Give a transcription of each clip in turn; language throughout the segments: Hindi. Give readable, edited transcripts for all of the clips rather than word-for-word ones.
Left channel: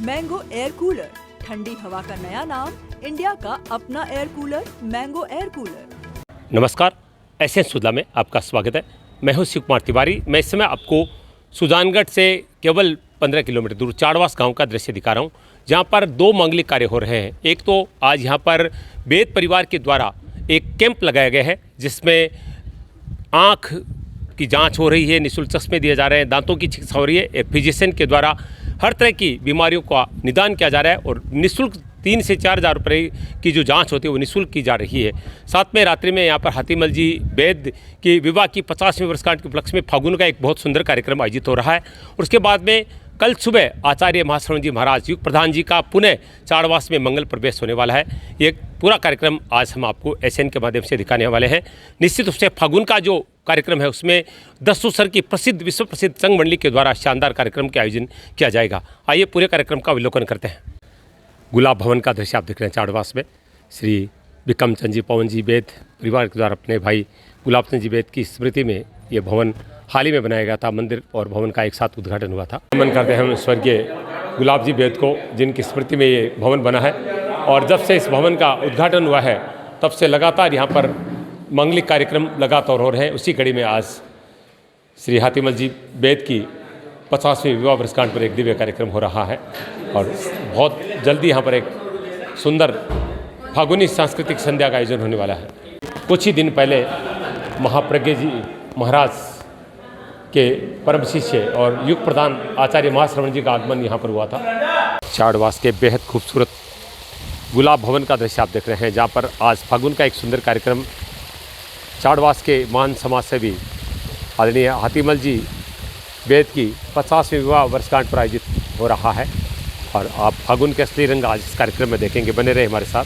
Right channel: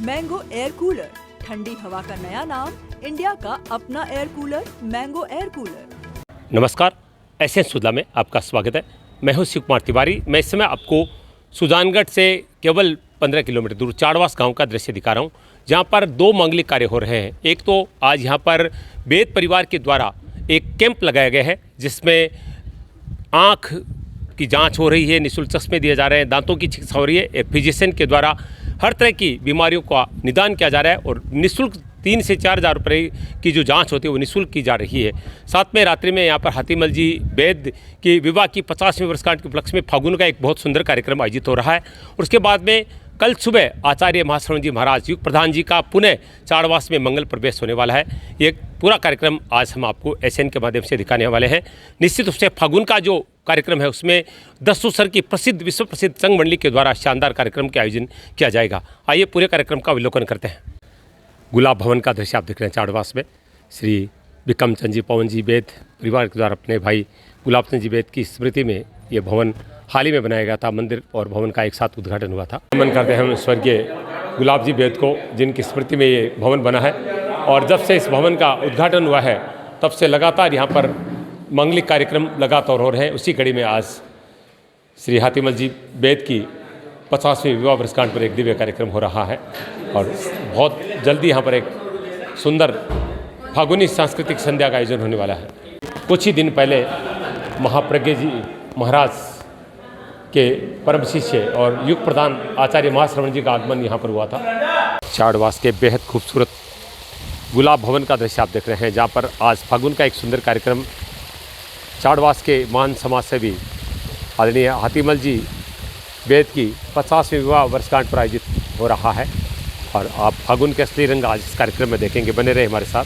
मैंगो एयर कूलर, ठंडी हवा का नया नाम, इंडिया का अपना air cooler, mango air cooler. नमस्कार, एसएन सुधा में आपका स्वागत है। मैं हूं शिव कुमार तिवारी। मैं इस समय आपको सुजानगढ़ से केवल 15 किलोमीटर दूर चाड़वास गांव का दृश्य दिखा रहा हूं, जहां पर दो मांगलिक कार्य हो रहे हैं। एक तो आज यहां पर बेद परिवार के द्वारा एक कैंप लगाया गया है, जिसमें आँख की जांच हो रही है, निःशुल्क चश्मे दिए जा रहे हैं, दांतों की चिकित्सा हो रही है। एक फिजिशियन के द्वारा हर तरह की बीमारियों का निदान किया जा रहा है और निःशुल्क 3 से 4 हज़ार रुपये की जो जांच होती है वो निःशुल्क की जा रही है। साथ में रात्रि में यहाँ पर हाथीमल जी बेद की विवाह की 50वीं वर्षगांठ के उपलक्ष्य में फागुन का एक बहुत सुंदर कार्यक्रम आयोजित हो रहा है। और उसके बाद में कल सुबह आचार्य महाश्रवण जी महाराज युग प्रधान जी का पुनः चाड़वास में मंगल प्रवेश होने वाला है। ये पूरा कार्यक्रम आज हम आपको एसएन के माध्यम से दिखाने वाले हैं। निश्चित रूप से फागुन का जो कार्यक्रम है उसमें दस्तूसर की प्रसिद्ध विश्व प्रसिद्ध संघ मंडली के द्वारा शानदार कार्यक्रम के आयोजन किया जाएगा। आइए पूरे कार्यक्रम का अवलोकन करते हैं। गुलाब भवन का दृश्य आप देख रहे हैं चाड़वास में। श्री विक्रम चंद जी पवन जी बेद परिवार के द्वारा अपने भाई गुलाब चंद जी बेद की स्मृति में ये भवन हाल ही में बनाया गया था। मंदिर और भवन का एक साथ उद्घाटन हुआ था। नमन करते हैं हम स्वर्गीय गुलाब जी बेद को, जिनकी स्मृति में ये भवन बना है। और जब से इस भवन का उद्घाटन हुआ है तब से लगातार यहाँ पर मांगलिक कार्यक्रम लगातार हो रहे हैं। उसी कड़ी में आज श्री हाथीमल जी बेद की 50वीं विवाह वर्षगांठ पर एक दिव्य कार्यक्रम हो रहा है। और बहुत जल्दी यहाँ पर एक सुंदर फागुनी सांस्कृतिक संध्या का आयोजन होने वाला है। कुछ ही दिन पहले महाप्रज्ञ जी महाराज के परम शिष्य और युग प्रधान आचार्य महाश्रवण जी का आगमन यहाँ पर हुआ था। चाड़वास के बेहद खूबसूरत गुलाब भवन का दृश्य आप देख रहे हैं, जहाँ पर आज फागुन का एक सुंदर कार्यक्रम चाड़वास के महान समाज सेवी आदरणीय हाथीमल जी बेद की 50वीं विवाह वर्षगांठ पर आयोजित हो रहा है। और आप फागुन के असली रंग आज इस कार्यक्रम में देखेंगे। बने रहे हमारे साथ।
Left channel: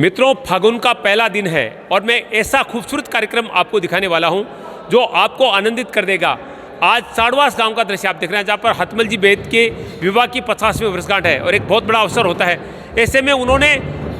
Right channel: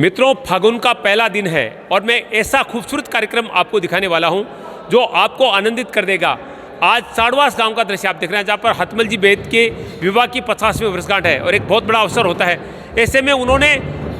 मित्रों, फागुन का पहला दिन है और मैं ऐसा खूबसूरत कार्यक्रम आपको दिखाने वाला हूं जो आपको आनंदित कर देगा। आज चाड़वास गांव का दृश्य आप देख रहे हैं, जहां पर हाथीमल जी बेद के विवाह की 50वीं वर्षगांठ है और एक बहुत बड़ा अवसर होता है। ऐसे में उन्होंने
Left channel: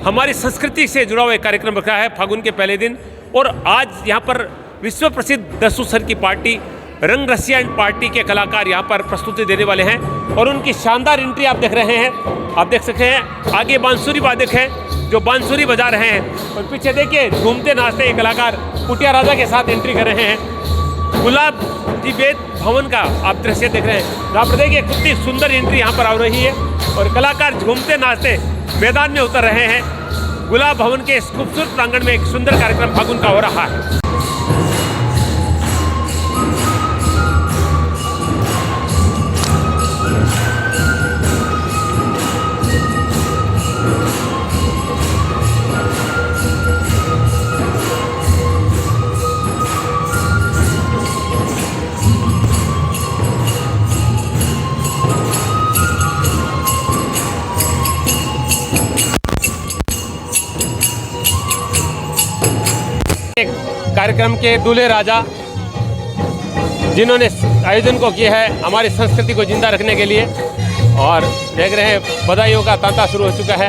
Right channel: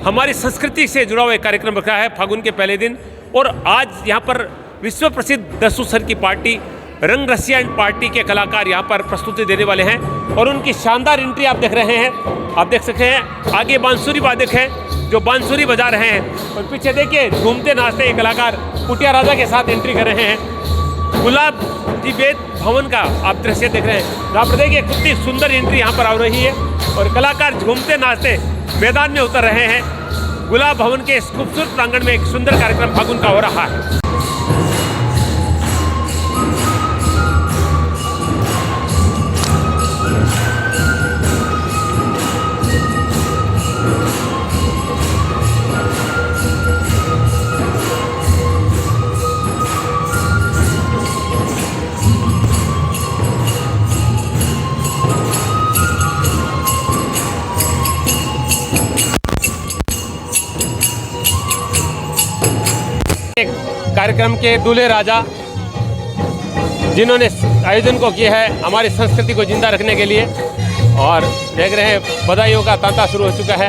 हमारी संस्कृति से जुड़ा हुआ एक कार्यक्रम रखा है फागुन के पहले दिन। और आज यहाँ पर विश्व प्रसिद्ध दस्तूसर की पार्टी रंग रसिया एंड पार्टी के कलाकार यहाँ पर प्रस्तुति देने वाले हैं और उनकी शानदार एंट्री आप देख रहे हैं। आप देख सकते हैं आगे बांसुरी वादक हैं जो बांसुरी बजा रहे हैं और पीछे देखिए झूमते नाचते ये कलाकार कुटिया राजा के साथ एंट्री कर रहे हैं। गुलाब जी बेद भवन का आप दृश्य देख रहे हैं, जहाँ पर देखिए कितनी सुंदर एंट्री यहाँ पर आ रही है और कलाकार झूमते नाचते मैदान में उतर रहे हैं। गुलाब भवन के इस खूबसूरत प्रांगण में एक सुंदर कार्यक्रम फागुन का हो रहा है। कार्यक्रम के दूल्हे राजा जिन्होंने आयोजन को किया है हमारी संस्कृति को जिंदा रखने के लिए, और देख रहे हैं बधाइयों का तांता शुरू हो चुका है।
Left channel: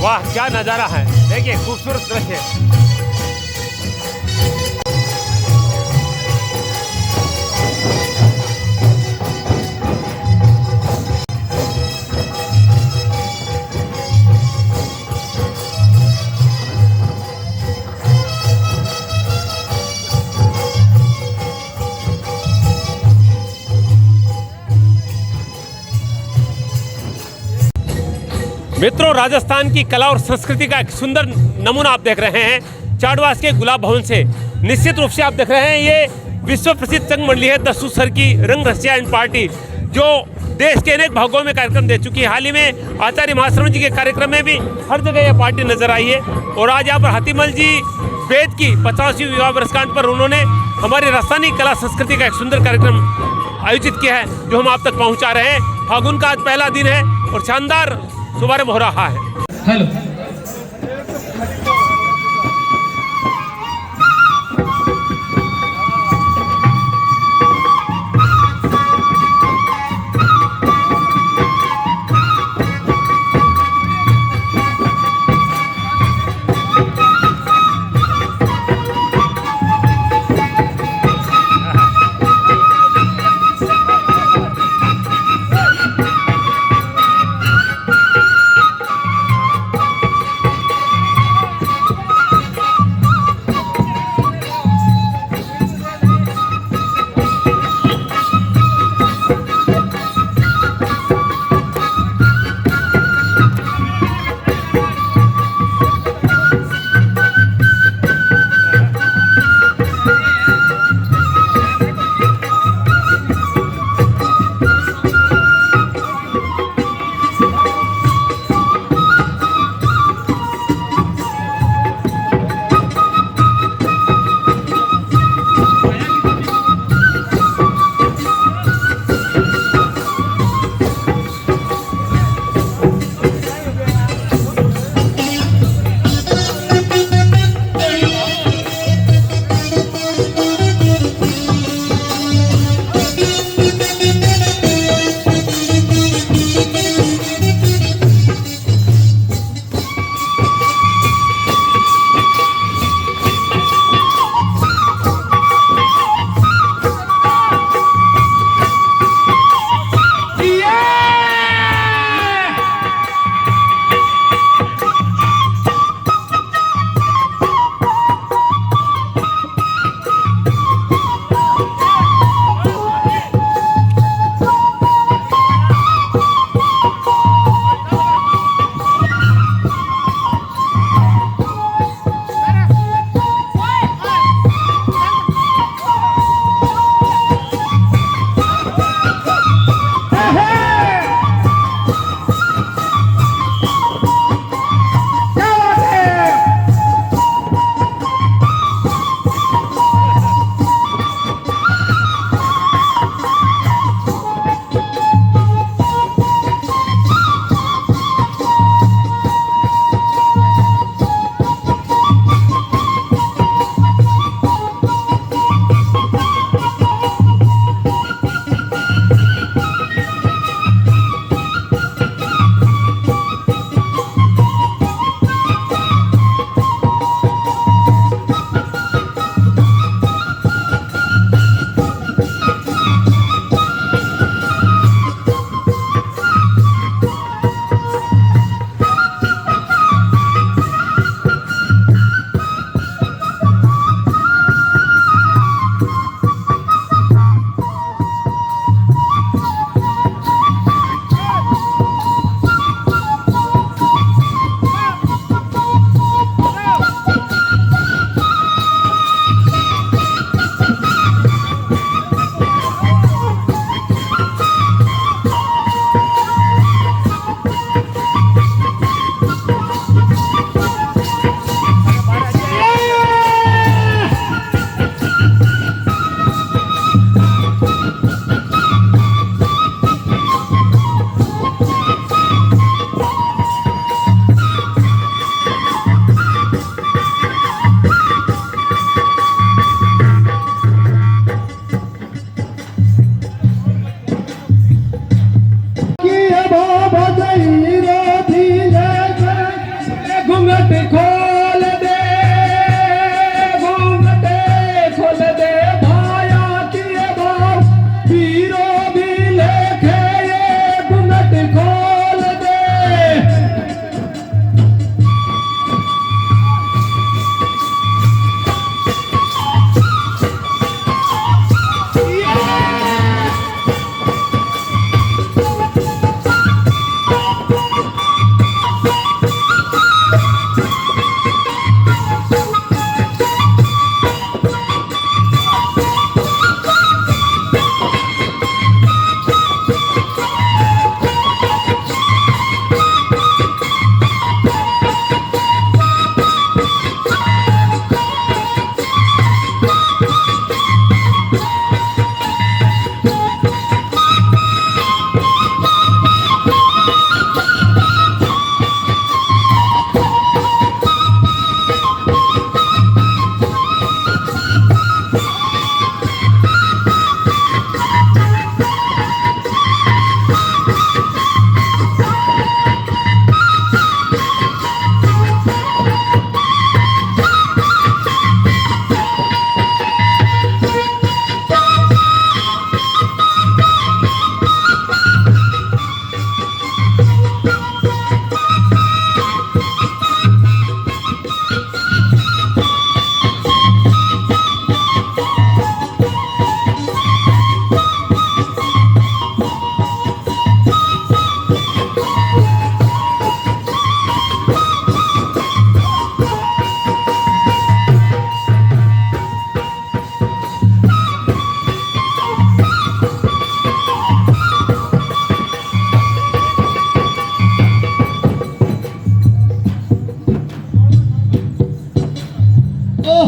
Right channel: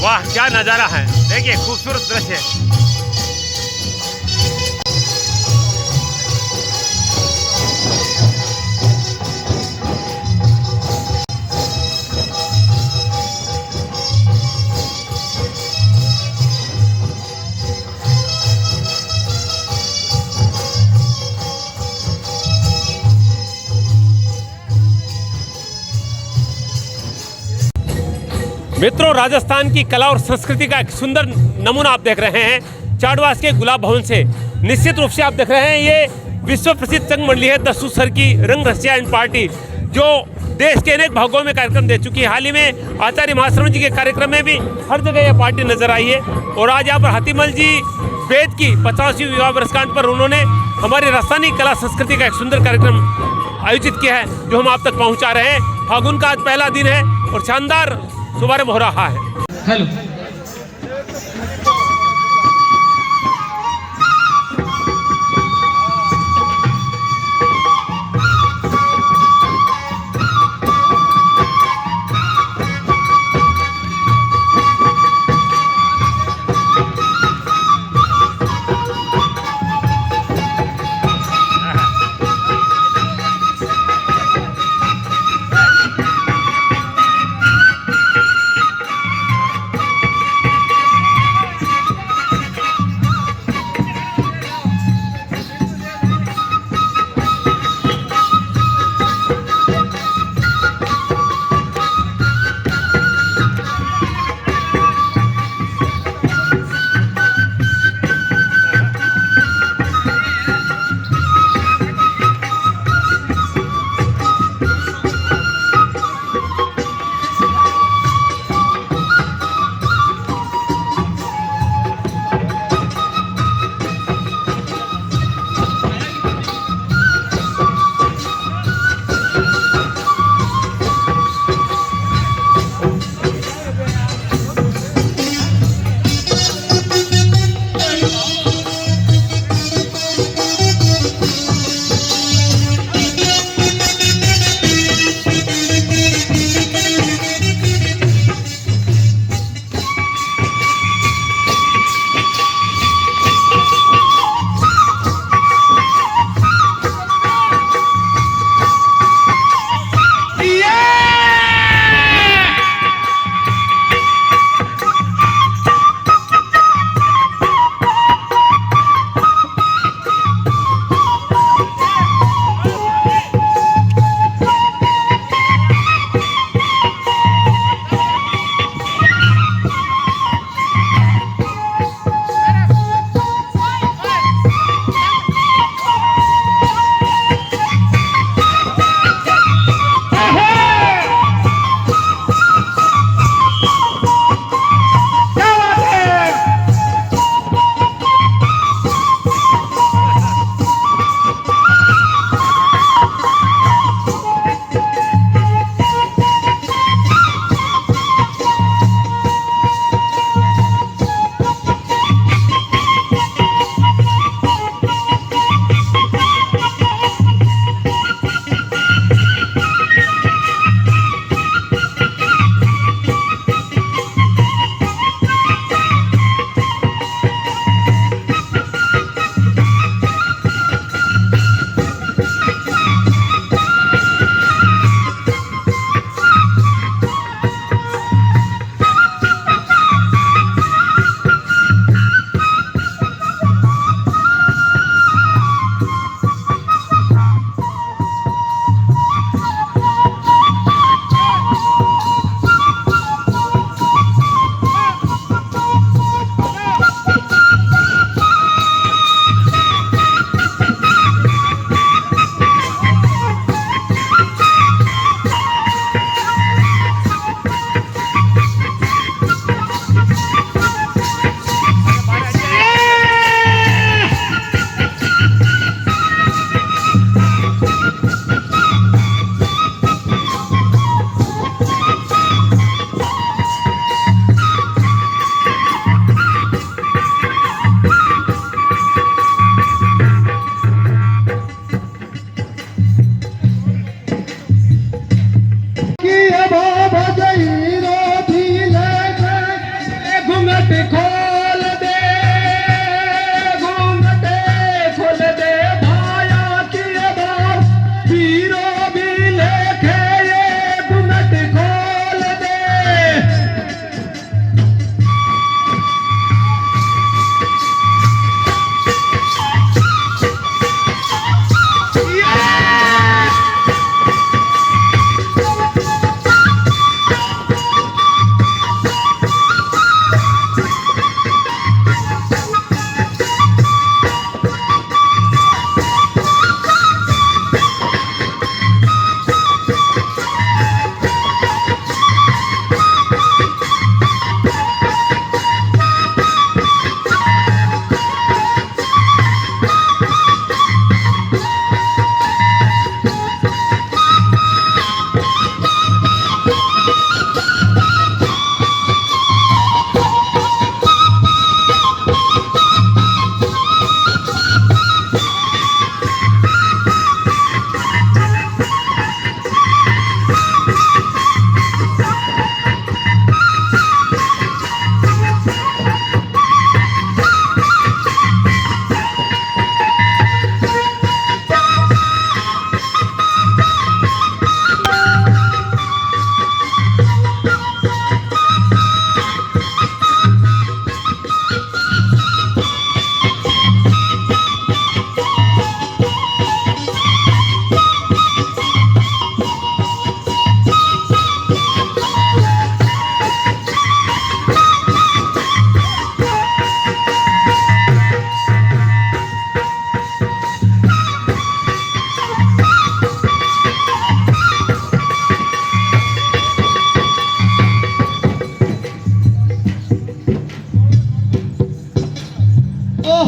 वाह क्या नज़ारा है, देखिए खूबसूरत दृश्य। मित्रों, राजस्थान की कला और संस्कृति का एक सुंदर नमूना आप देख रहे हैं चाड़वास के गुलाब भवन से। निश्चित रूप से आप देख रहे हैं ये विश्व प्रसिद्ध संघ मंडली है दस्तूसर की रंग रसिया एंड पार्टी, जो देश के अनेक भागों में कार्यक्रम दे चुकी है। हाल ही में आचार्य महाश्रवण जी के कार्यक्रम में भी हर जगह यह पार्टी नजर आई है। और आज यहाँ पर हाथीमल जी बेद की 50वीं विवाह वर्षगांठ पर उन्होंने हमारी राजस्थानी कला संस्कृति का एक सुंदर कार्यक्रम आयोजित किया है, जो हम आप तक पहुँचा रहे हैं। फागुन का आज पहला दिन है और शानदार शुभारंभ हो रहा है। हेलो,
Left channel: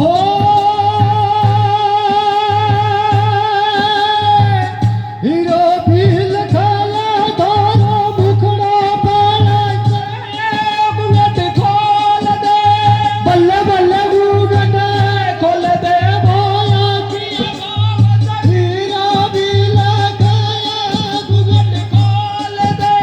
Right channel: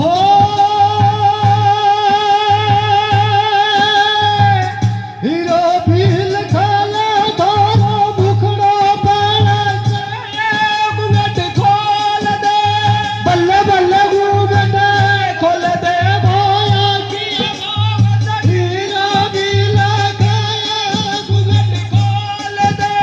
हो हीरो भी लखाला थारो मुखड़ो पाला घूंघट खोल दे बल्ले बल्ले घूंघट खोल दे हीरो भी लखाला घूंघट खोल दे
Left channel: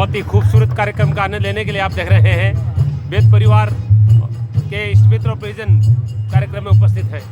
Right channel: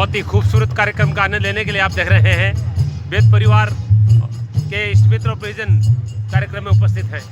बहुत ही खूबसूरत कार्यक्रम का आनंद लेने के लिए आप देख रहे हैं बेद परिवार के इष्ट मित्र और परिजन कार्यक्रम में उपस्थित हैं।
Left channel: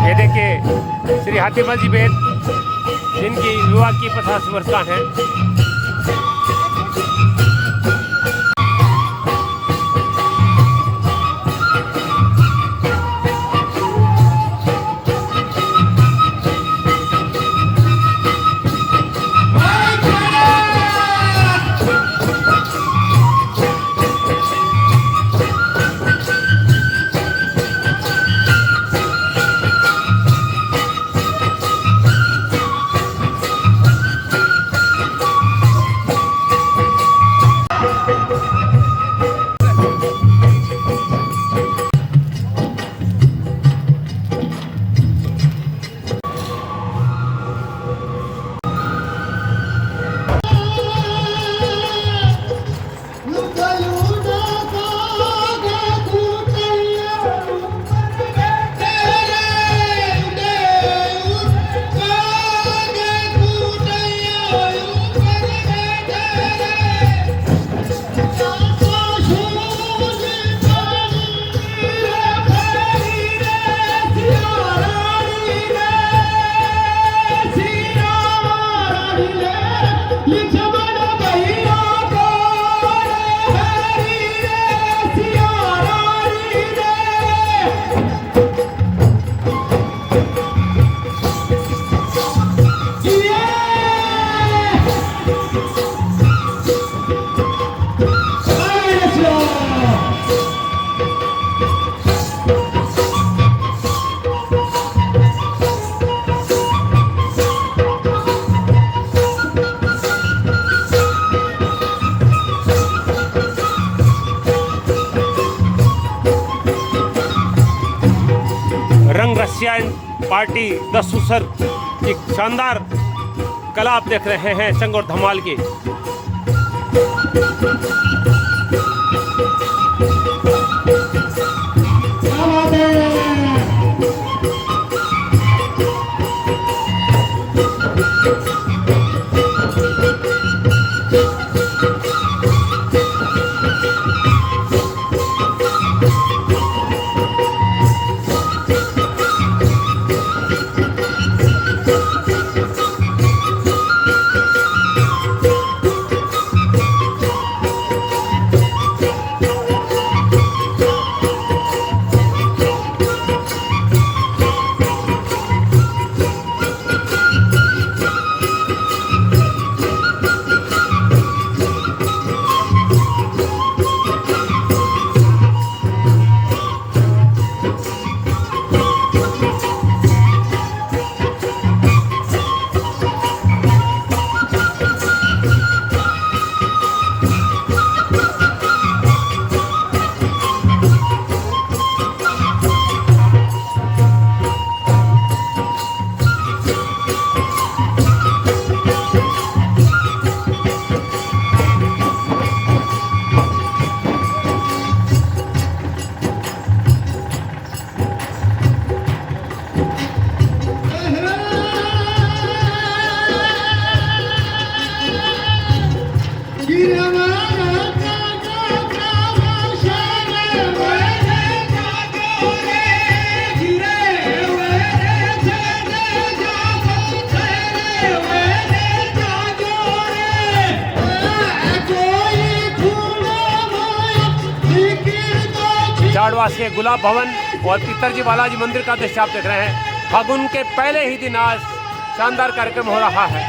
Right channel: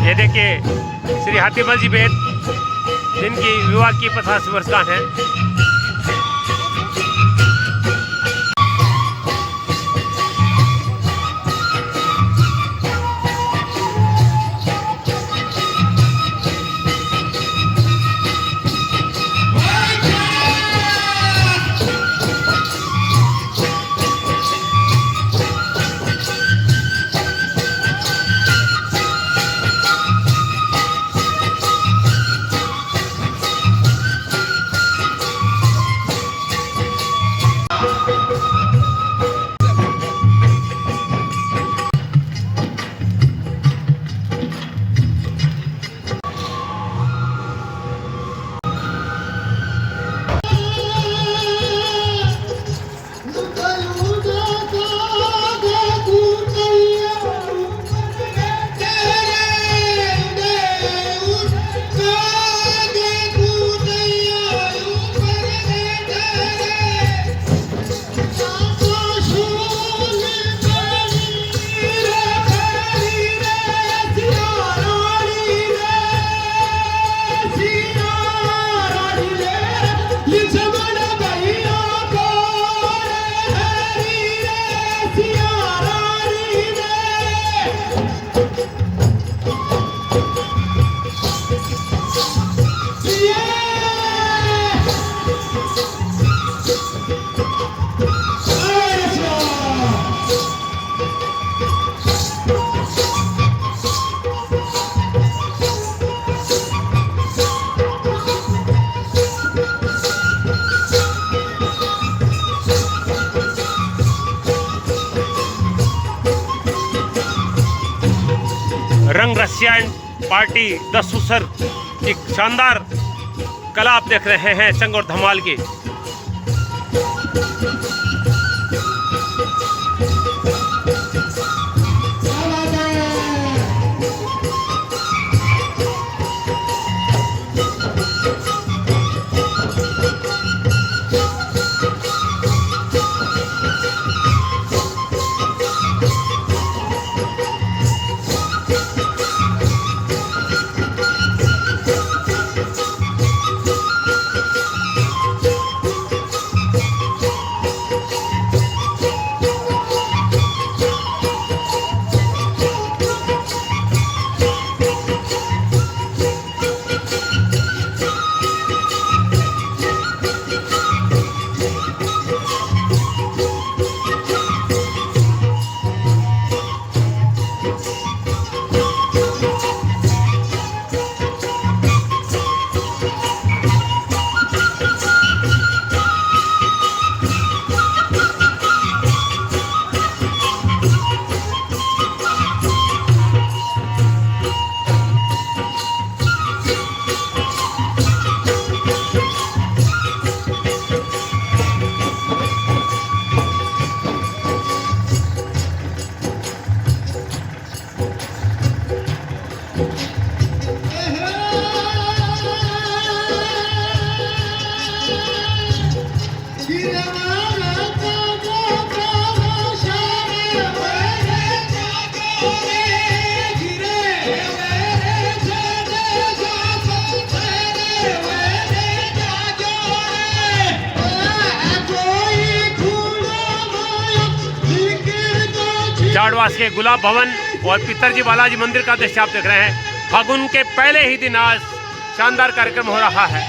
ये देखिए श्री हातिमल जी बेद जिनकी विवाह की 50 वर्षगांठ है। रंग रसियान पार्टी द सुसर की शानदार कला आप देख रहे हैं संग और धमाल की। चाड़वास के गुलाब भवन और पितरजी बालाजी मंदिर का दृश्य आप देख रहे हैं। फागुन के पहले ही दिन आज शानदार कार्यक्रम हो रहा है।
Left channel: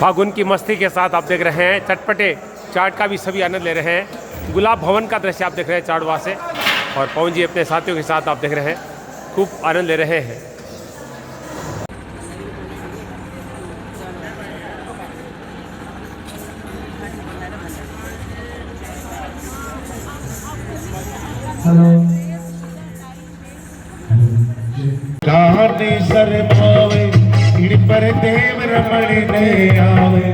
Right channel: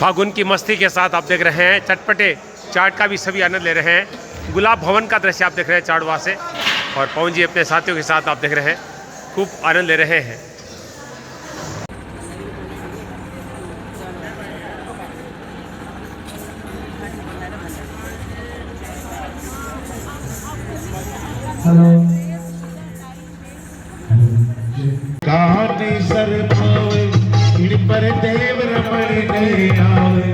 फागुन की मस्ती के साथ आप देख रहे हैं चटपटे चाट का भी सभी आनंद ले रहे हैं। गुलाब भवन का दृश्य आप देख रहे हैं चाड़वा से, और पवन जी अपने साथियों के साथ आप देख रहे हैं खूब आनंद ले रहे हैं। कारनी सर भावे इड़ पर देव रमण ने आवे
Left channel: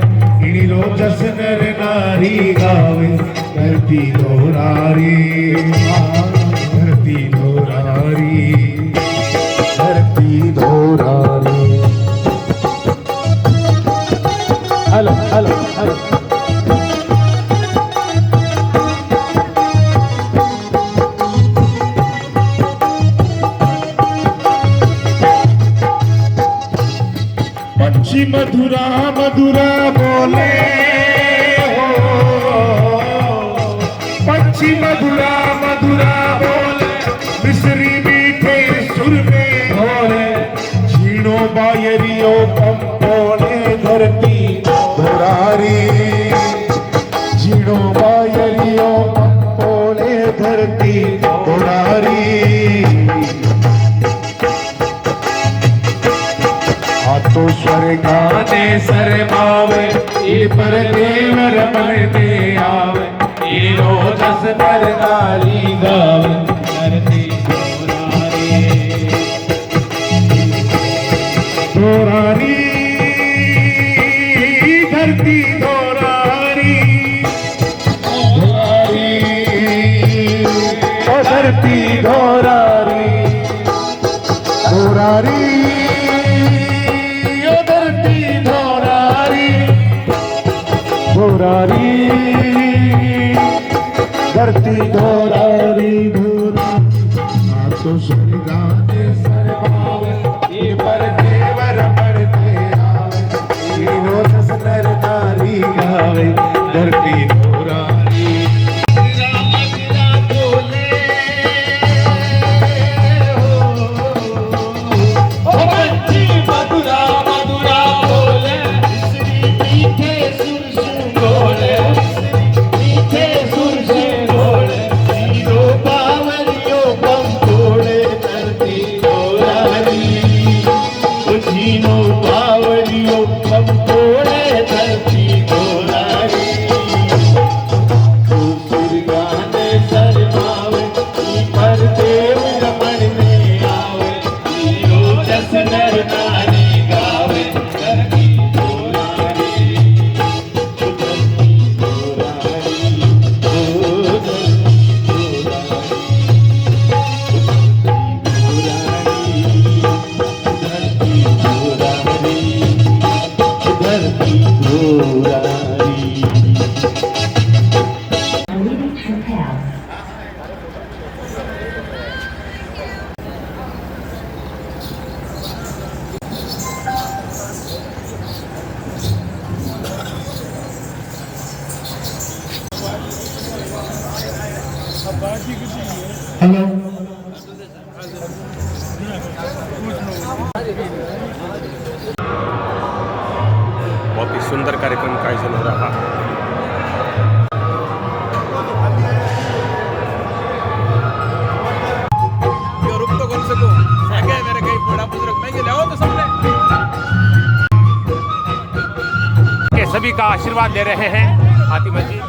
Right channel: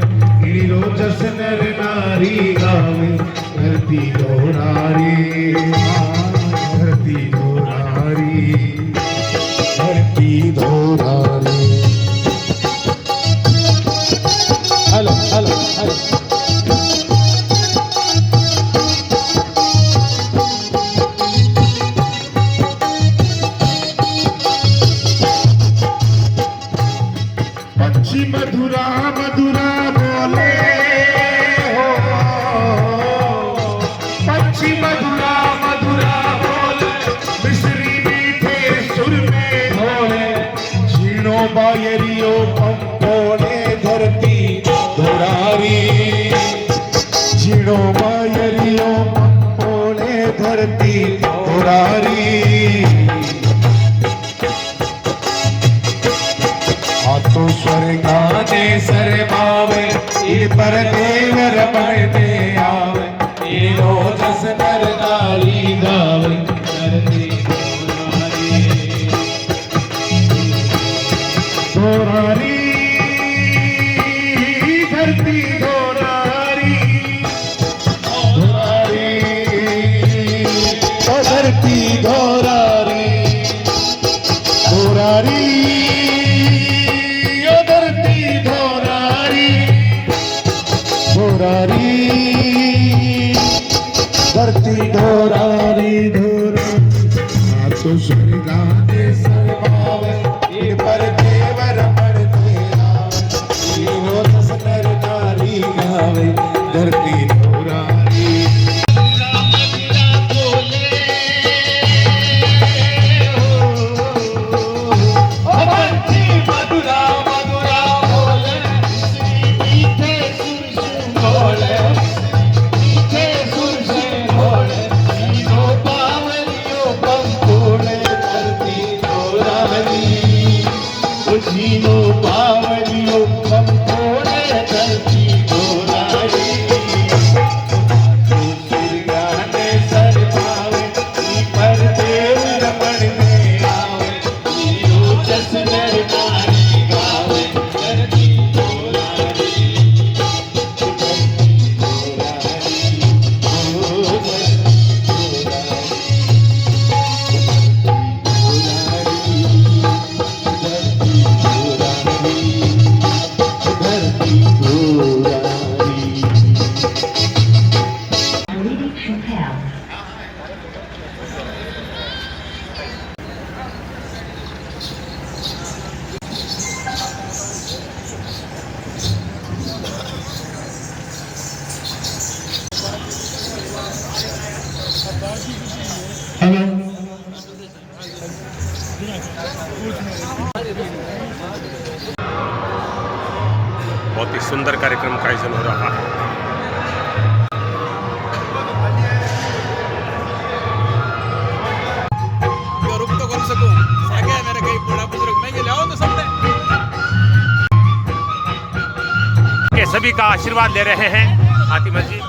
इड़ी रोजस नर नारी गावे धरती दोरारी धरती दोरारी धरती दोरारी। हेलो हेलो हेलो मधुरा मधुरा बोले हो पंछी मधुरा मधुरा बोले मिश्री मीठे सुर में भोले झीनो बायरियो पंपोले धरती दोरारी झीनो बायरियो पंपोले धरती दोरारी। तो स्वर्गाने सरमावे ये पर देव रमण में आवे ये रोजस नर नारी गावे धरती दोरारी धरती दोरारी दोरारी ओ धरती दोरारी दोरारी दोरारी धरती दोरारी धोरा तो स्वर्गाने सरमावे ये पर देव रमण में आवे ये रोजस नर नारी गावे धरती दोरारी। बहुत ही सुंदर कार्यक्रम का आयोजन हो रहा है। के सभी का आशीर्वाद ले रहे हैं हातिमा जी।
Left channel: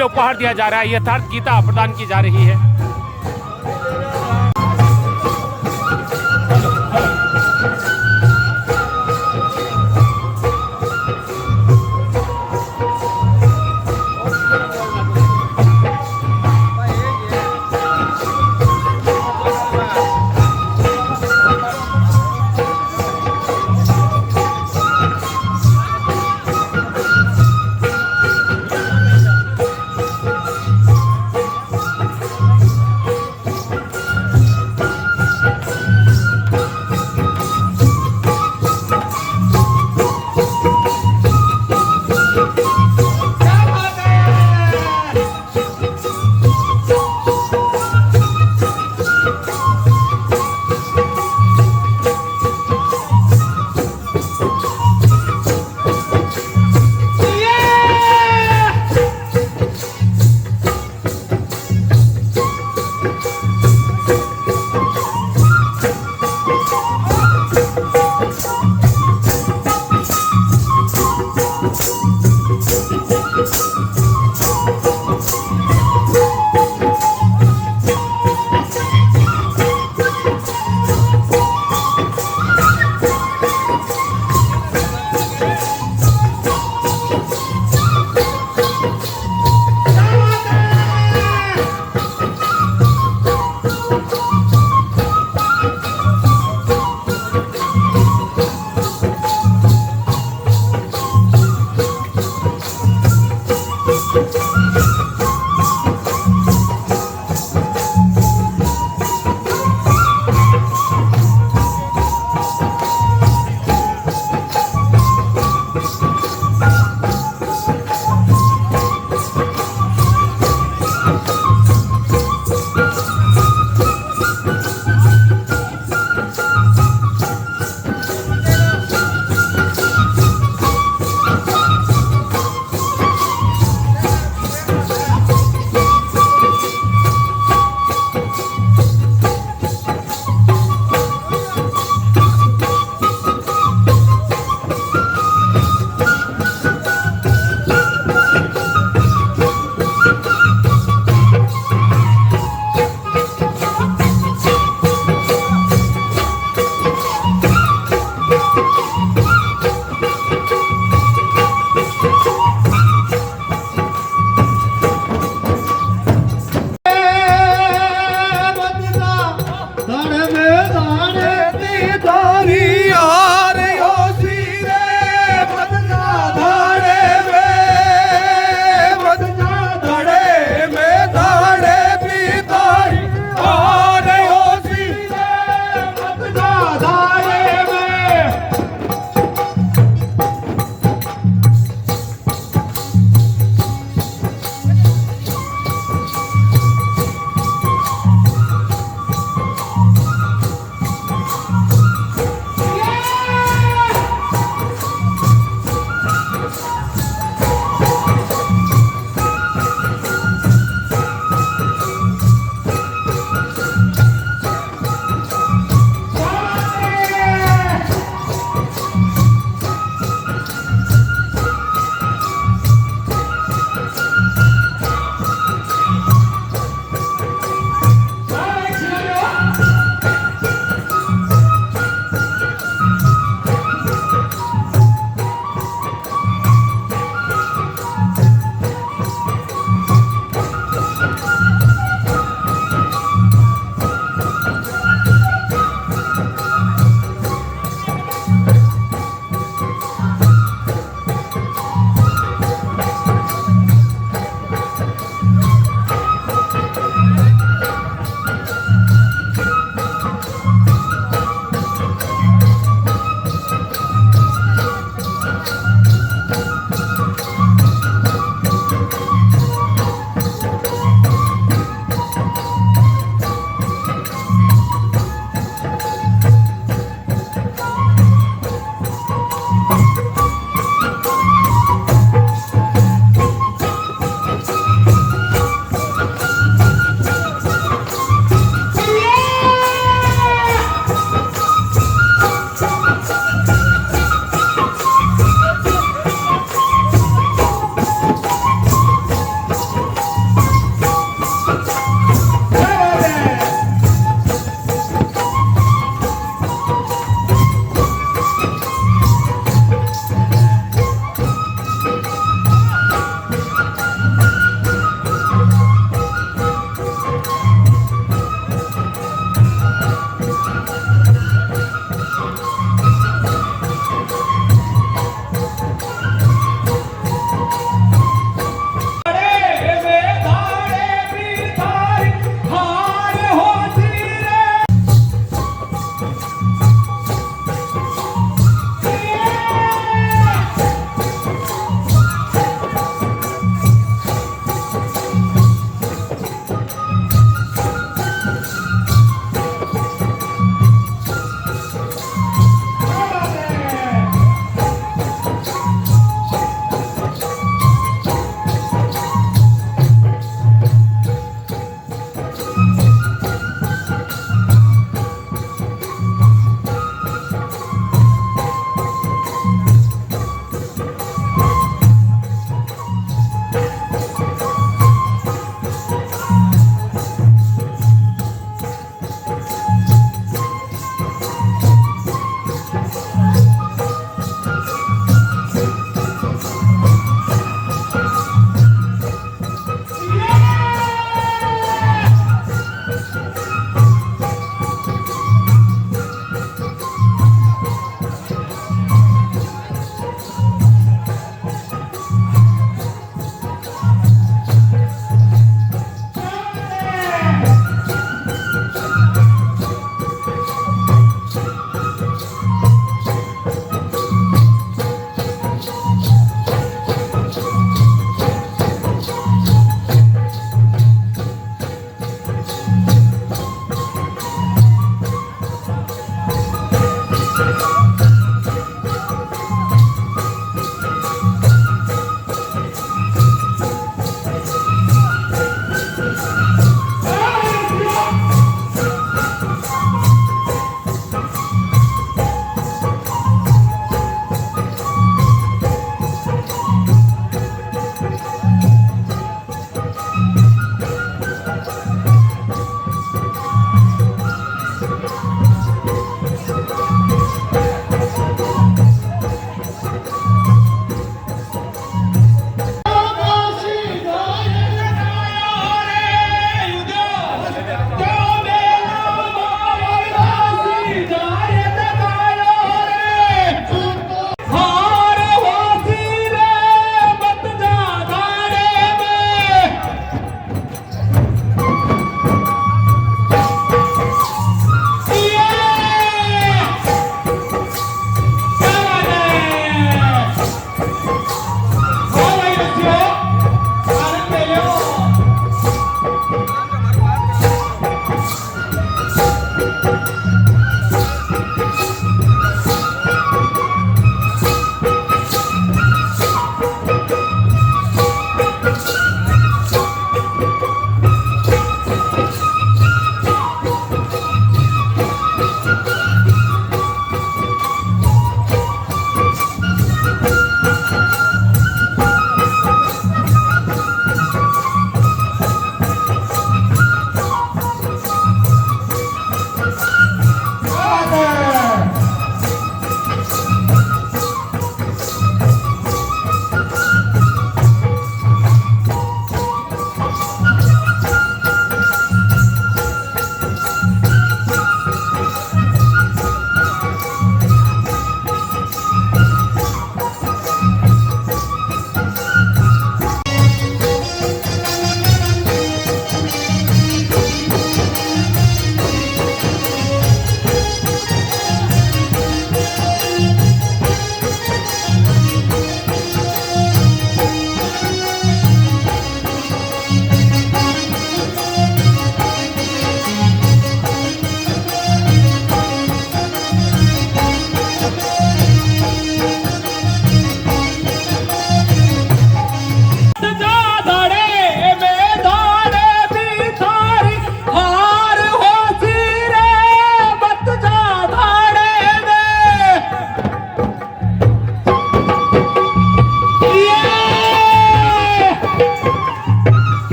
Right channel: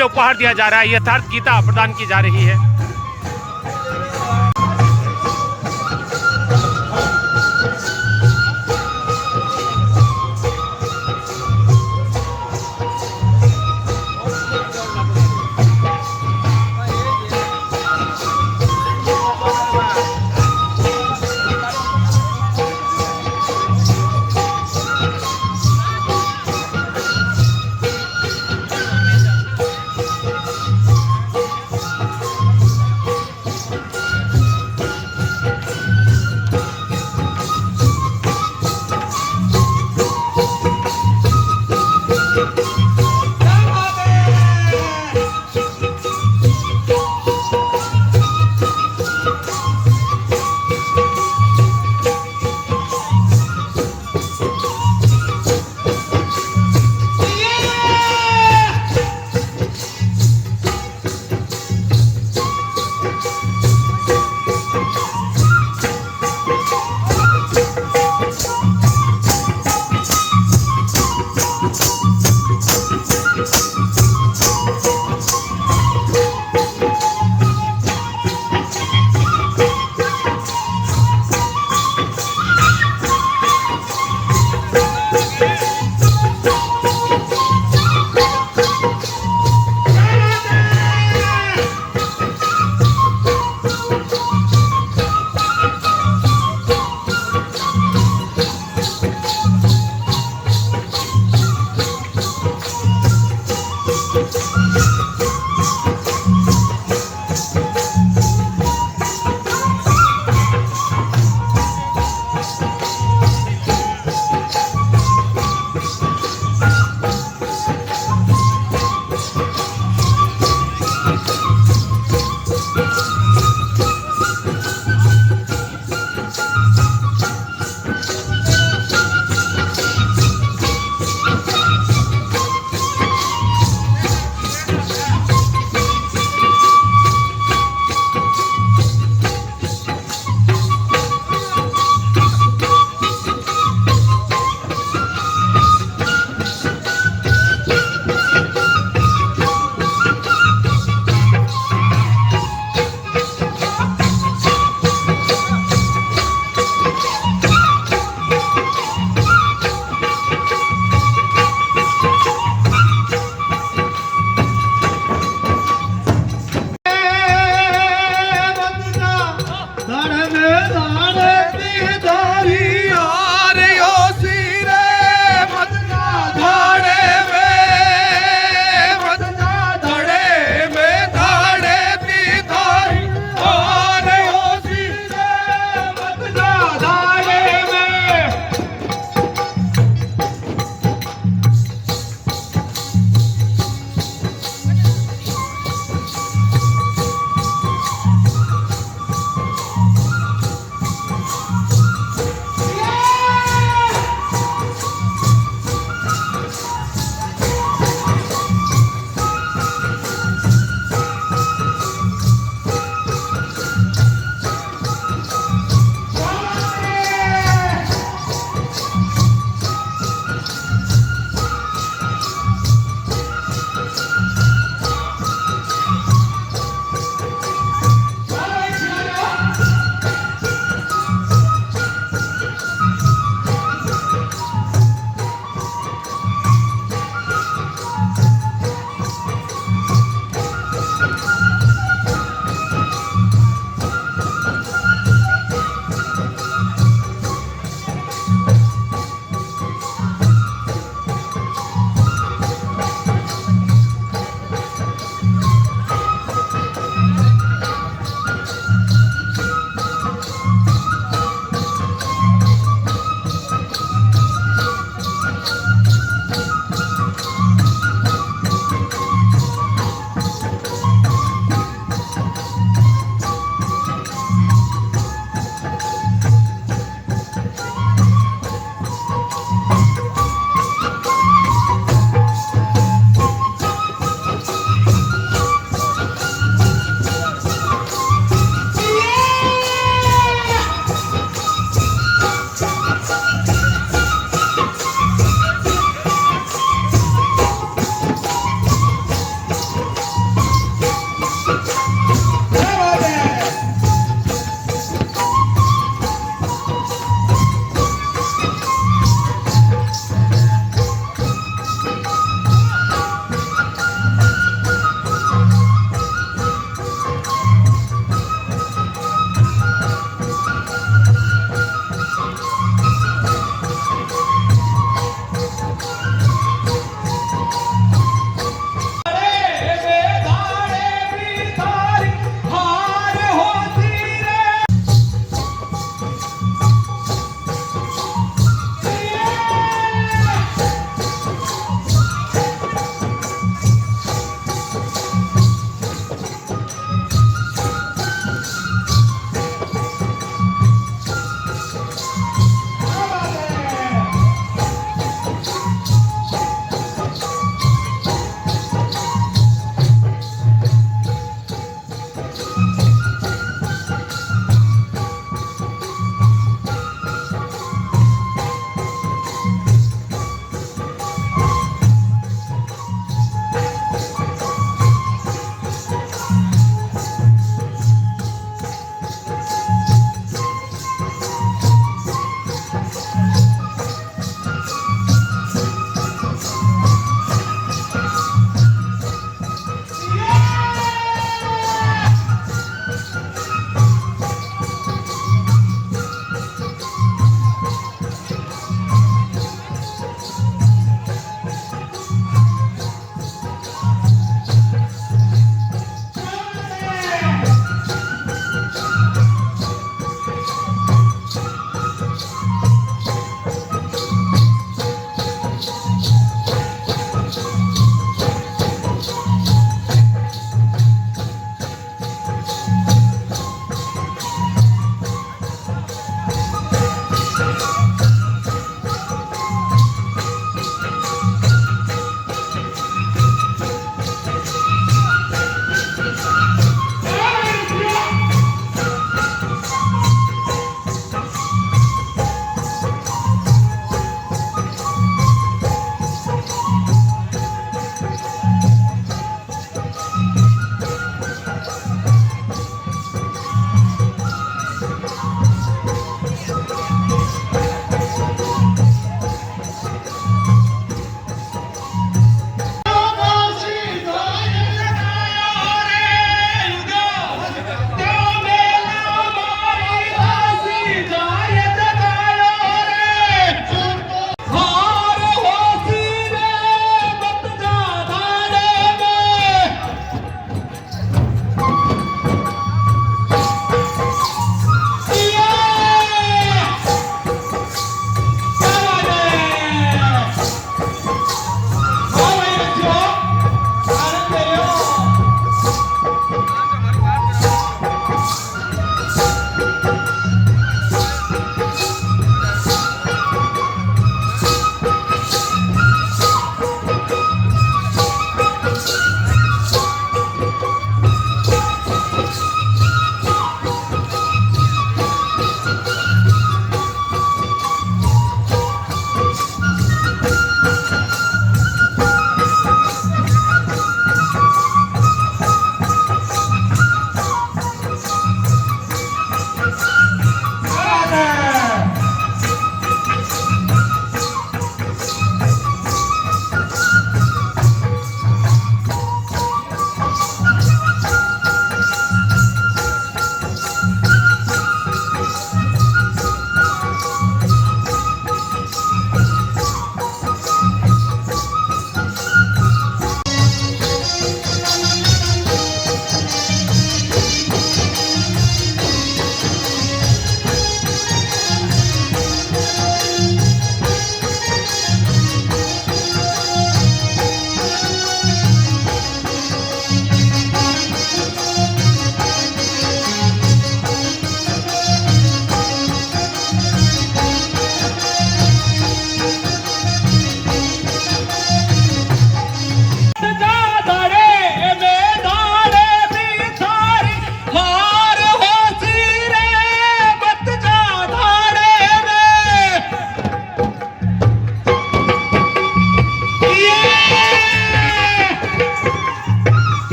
भव्य उपहार दिया जा रहा है, यथार्थ गीता प्रदान की जा रही है।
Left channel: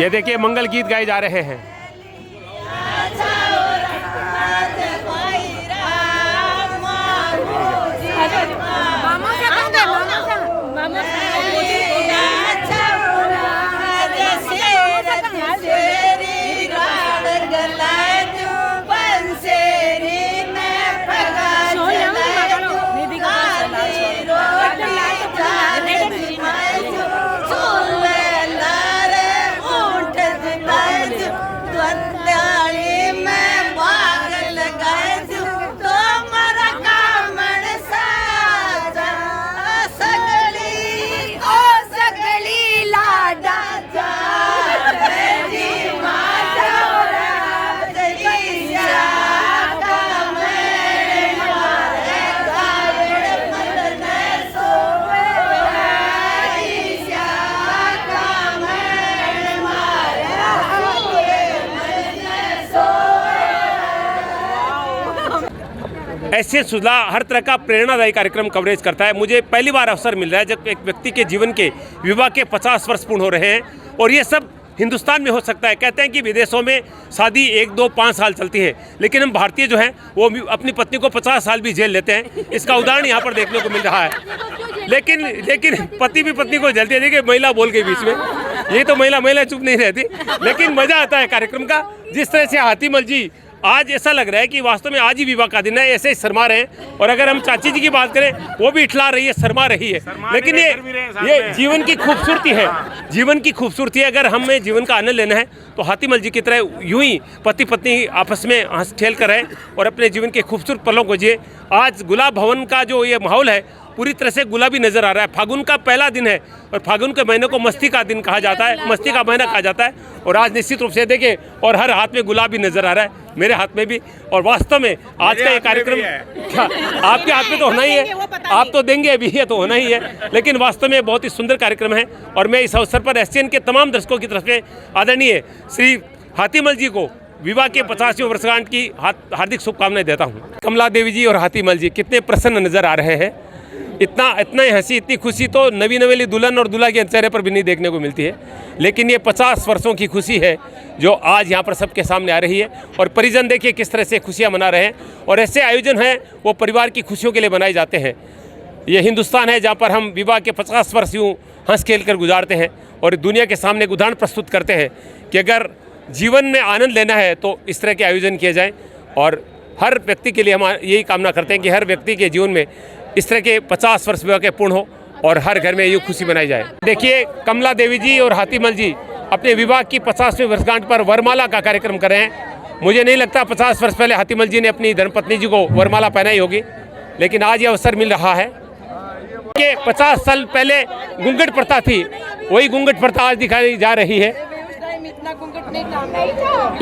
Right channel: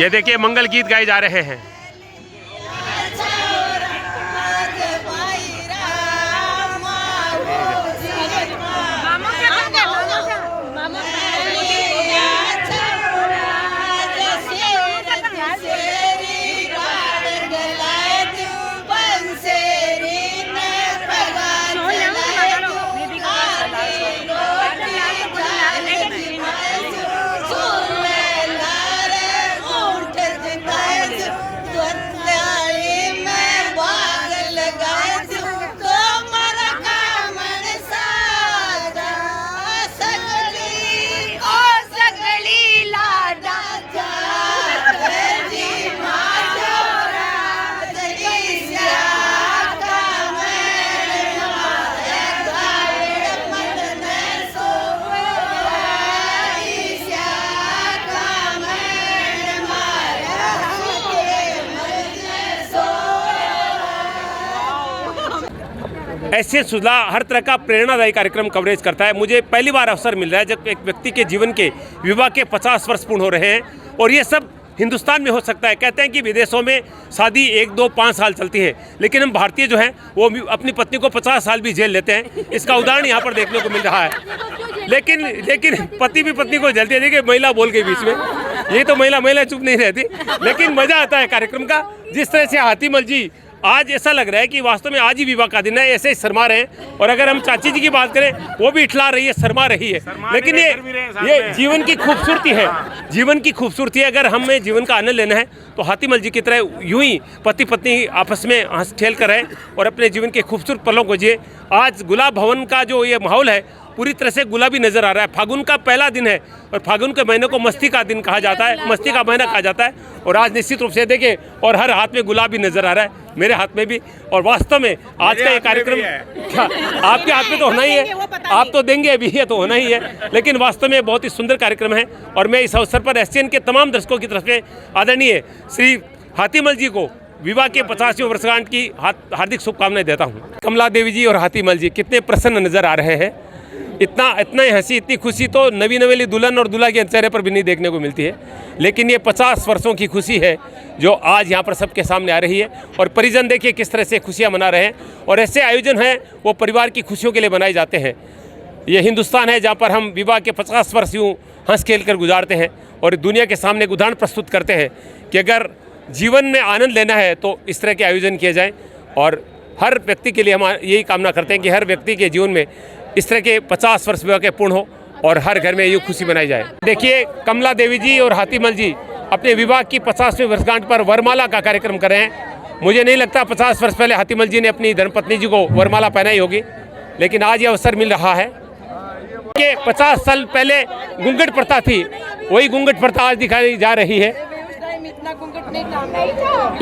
ये देखिए मंगल गीत गाए जा रहे हैं। ऐसे सुधा हर तरह का प्रेरणादायी कार्यक्रम कवरेज करता है। मुझे पहली बार अवसर मिल रहा है जब एक व्यक्ति के जीवन के विवाह के 50 वर्ष पूर्ण हो रहे हैं, और ये सब हिंदुस्तान में हो सकता है। कहते हैं कि विदेशों में शादी 1, 2, 5 साल चलती है, लेकिन हम भारतीय जो हैं वो अपनी पत्नी को 50 साल भी जेल लेते हैं। इसका उदाहरण यहाँ पर देखने को मिल रहा है। लेकिन पति भी पत्नी को जलती है। देखिए महिला बोल के बीच में, ये तो महिला चुप नहीं रहती, लेकिन मजा आता है कार्यक्रम का। जिस तरह से हाथीमल जी आज ऐसा लग रहा है कि वास्तव में आज ही विवाह का दिन है, ऐसे ही शर्मा रहे हैं। और अगर हम चाची जी की बात करें, वो भी इठला रही है, शर्मा रही है। लेकिन ये जीवन की खूबसूरती है, जीवन की खूबसूरती है। अगर हमें जीवन का आनंद लेना है तो हाथीमल जी की तरह यूं ही पति पत्नी आपस में हंस खेल कर रहे और अपने जीवन के खूबसूरत पलों को जिए। आज गुलाब भवन का जो ये माहौल है पूरी तरह से गुलाबी नजर आ रहा है। फागुन का पहला दिन है और फागुन के महीने को मस्ती का दिन कहा जाता है, मस्ती का महीना कहा जाता है। और आज निश्चित रूप से देखिए, और हर हाथ में गुलाबी नजर आ रहा है, मेरे हाथ में भी। और वास्तव में आज का ये कार्यक्रम क्या आपके हाथ में तो होना ही है, आप तो देंगे अभी, ये तो होना ही है। लेकिन वास्तव में बहुत ही सुंदर कार्यक्रम है और मैं इस अवसर पर एसटीएन के तमाम दर्शकों की तरफ से आदरणीय श्री हाथीमल जी को विवाह के 50वें वर्षगांठ की हार्दिक शुभकामनाएं देता हूँ। कमला देवी जी और हाथीमल जी कितने प्रसन्न नजर आ रहे हैं। इतना ही हंसी, इतनी खुशी तो नवी नवेली दुल्हन और दूल्हा के चेहरे पर भी नहीं देखने को मिलती है। लेकिन ये 50 वर्षों की खुशी है जो आज यहाँ पर सबके सामने आ रही है। और परिजन देखिए किस तरह से खुशियाँ मना रहे हैं। और ऐसे आयोजन हैं वो परिवार की खुशियों के लिए बनाए जाते हैं। ये हिंदुस्तान है जहाँ पर हम विवाह के 50 वर्ष यूँ हंस खेल कर गुजारते हैं और दुनिया के सामने एक उदाहरण प्रस्तुत करते हैं कि अगर जीवन में आनंद लेना है तो इस तरह के आयोजन किए जाएँ। और हर व्यक्ति के लिए हम यही कामना करते हैं कि हर व्यक्ति के जीवन में इस तरह के 50 वर्ष विवाह के पूर्ण हो और हर घर में ये खुशी मनाई जाए। देखिए कमला देवी जी और हाथीमल जी अपने विवाह की 50वें वर्षगांठ पर वरमाला का कार्यक्रम कर रहे हैं। मुझे नहीं लगता 50 वर्ष पहले हाथीमल जी ने अपनी धर्मपत्नी जी को वरमाला पहनाई होगी, लेकिन आज ये अवसर मिल रहा है कि 50 साल पहले घूंघट प्रथा थी, वही घूंघट प्रथा आज दिखाई जा रही है।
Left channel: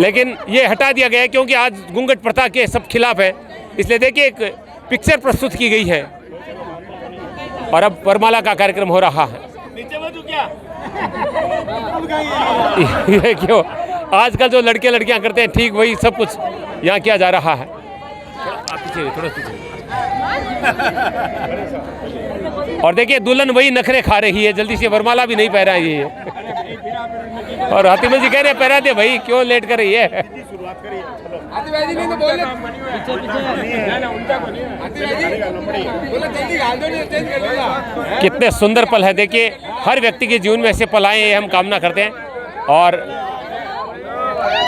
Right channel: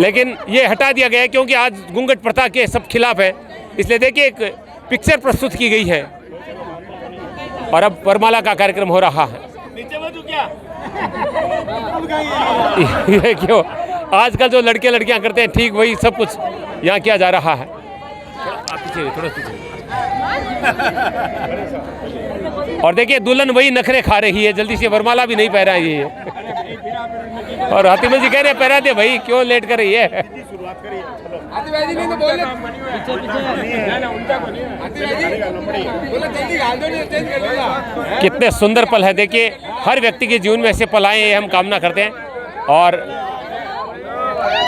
लेकिन ये हटा दिया गया है क्योंकि आज घूंघट प्रथा के सब खिलाफ है। इसलिए देखिए एक पिक्चर प्रस्तुत की गई है और अब वरमाला का कार्यक्रम हो रहा है। ये क्यों आजकल जो लड़के लड़कियां करते हैं ठीक वही सब कुछ यहाँ किया जा रहा है। थोड़ा पीछे। और देखिए दुल्हन वही नखरे खा रही है, जल्दी से वरमाला भी नहीं पहना है ये। और हाथीमल जी कह रहे पहना दे भाई, क्यों लेट कर रही है। कितने सुंदर पल है। देखिए हर व्यक्ति के जीवन में ऐसे पल आए, ये हम कामना करते हैं। और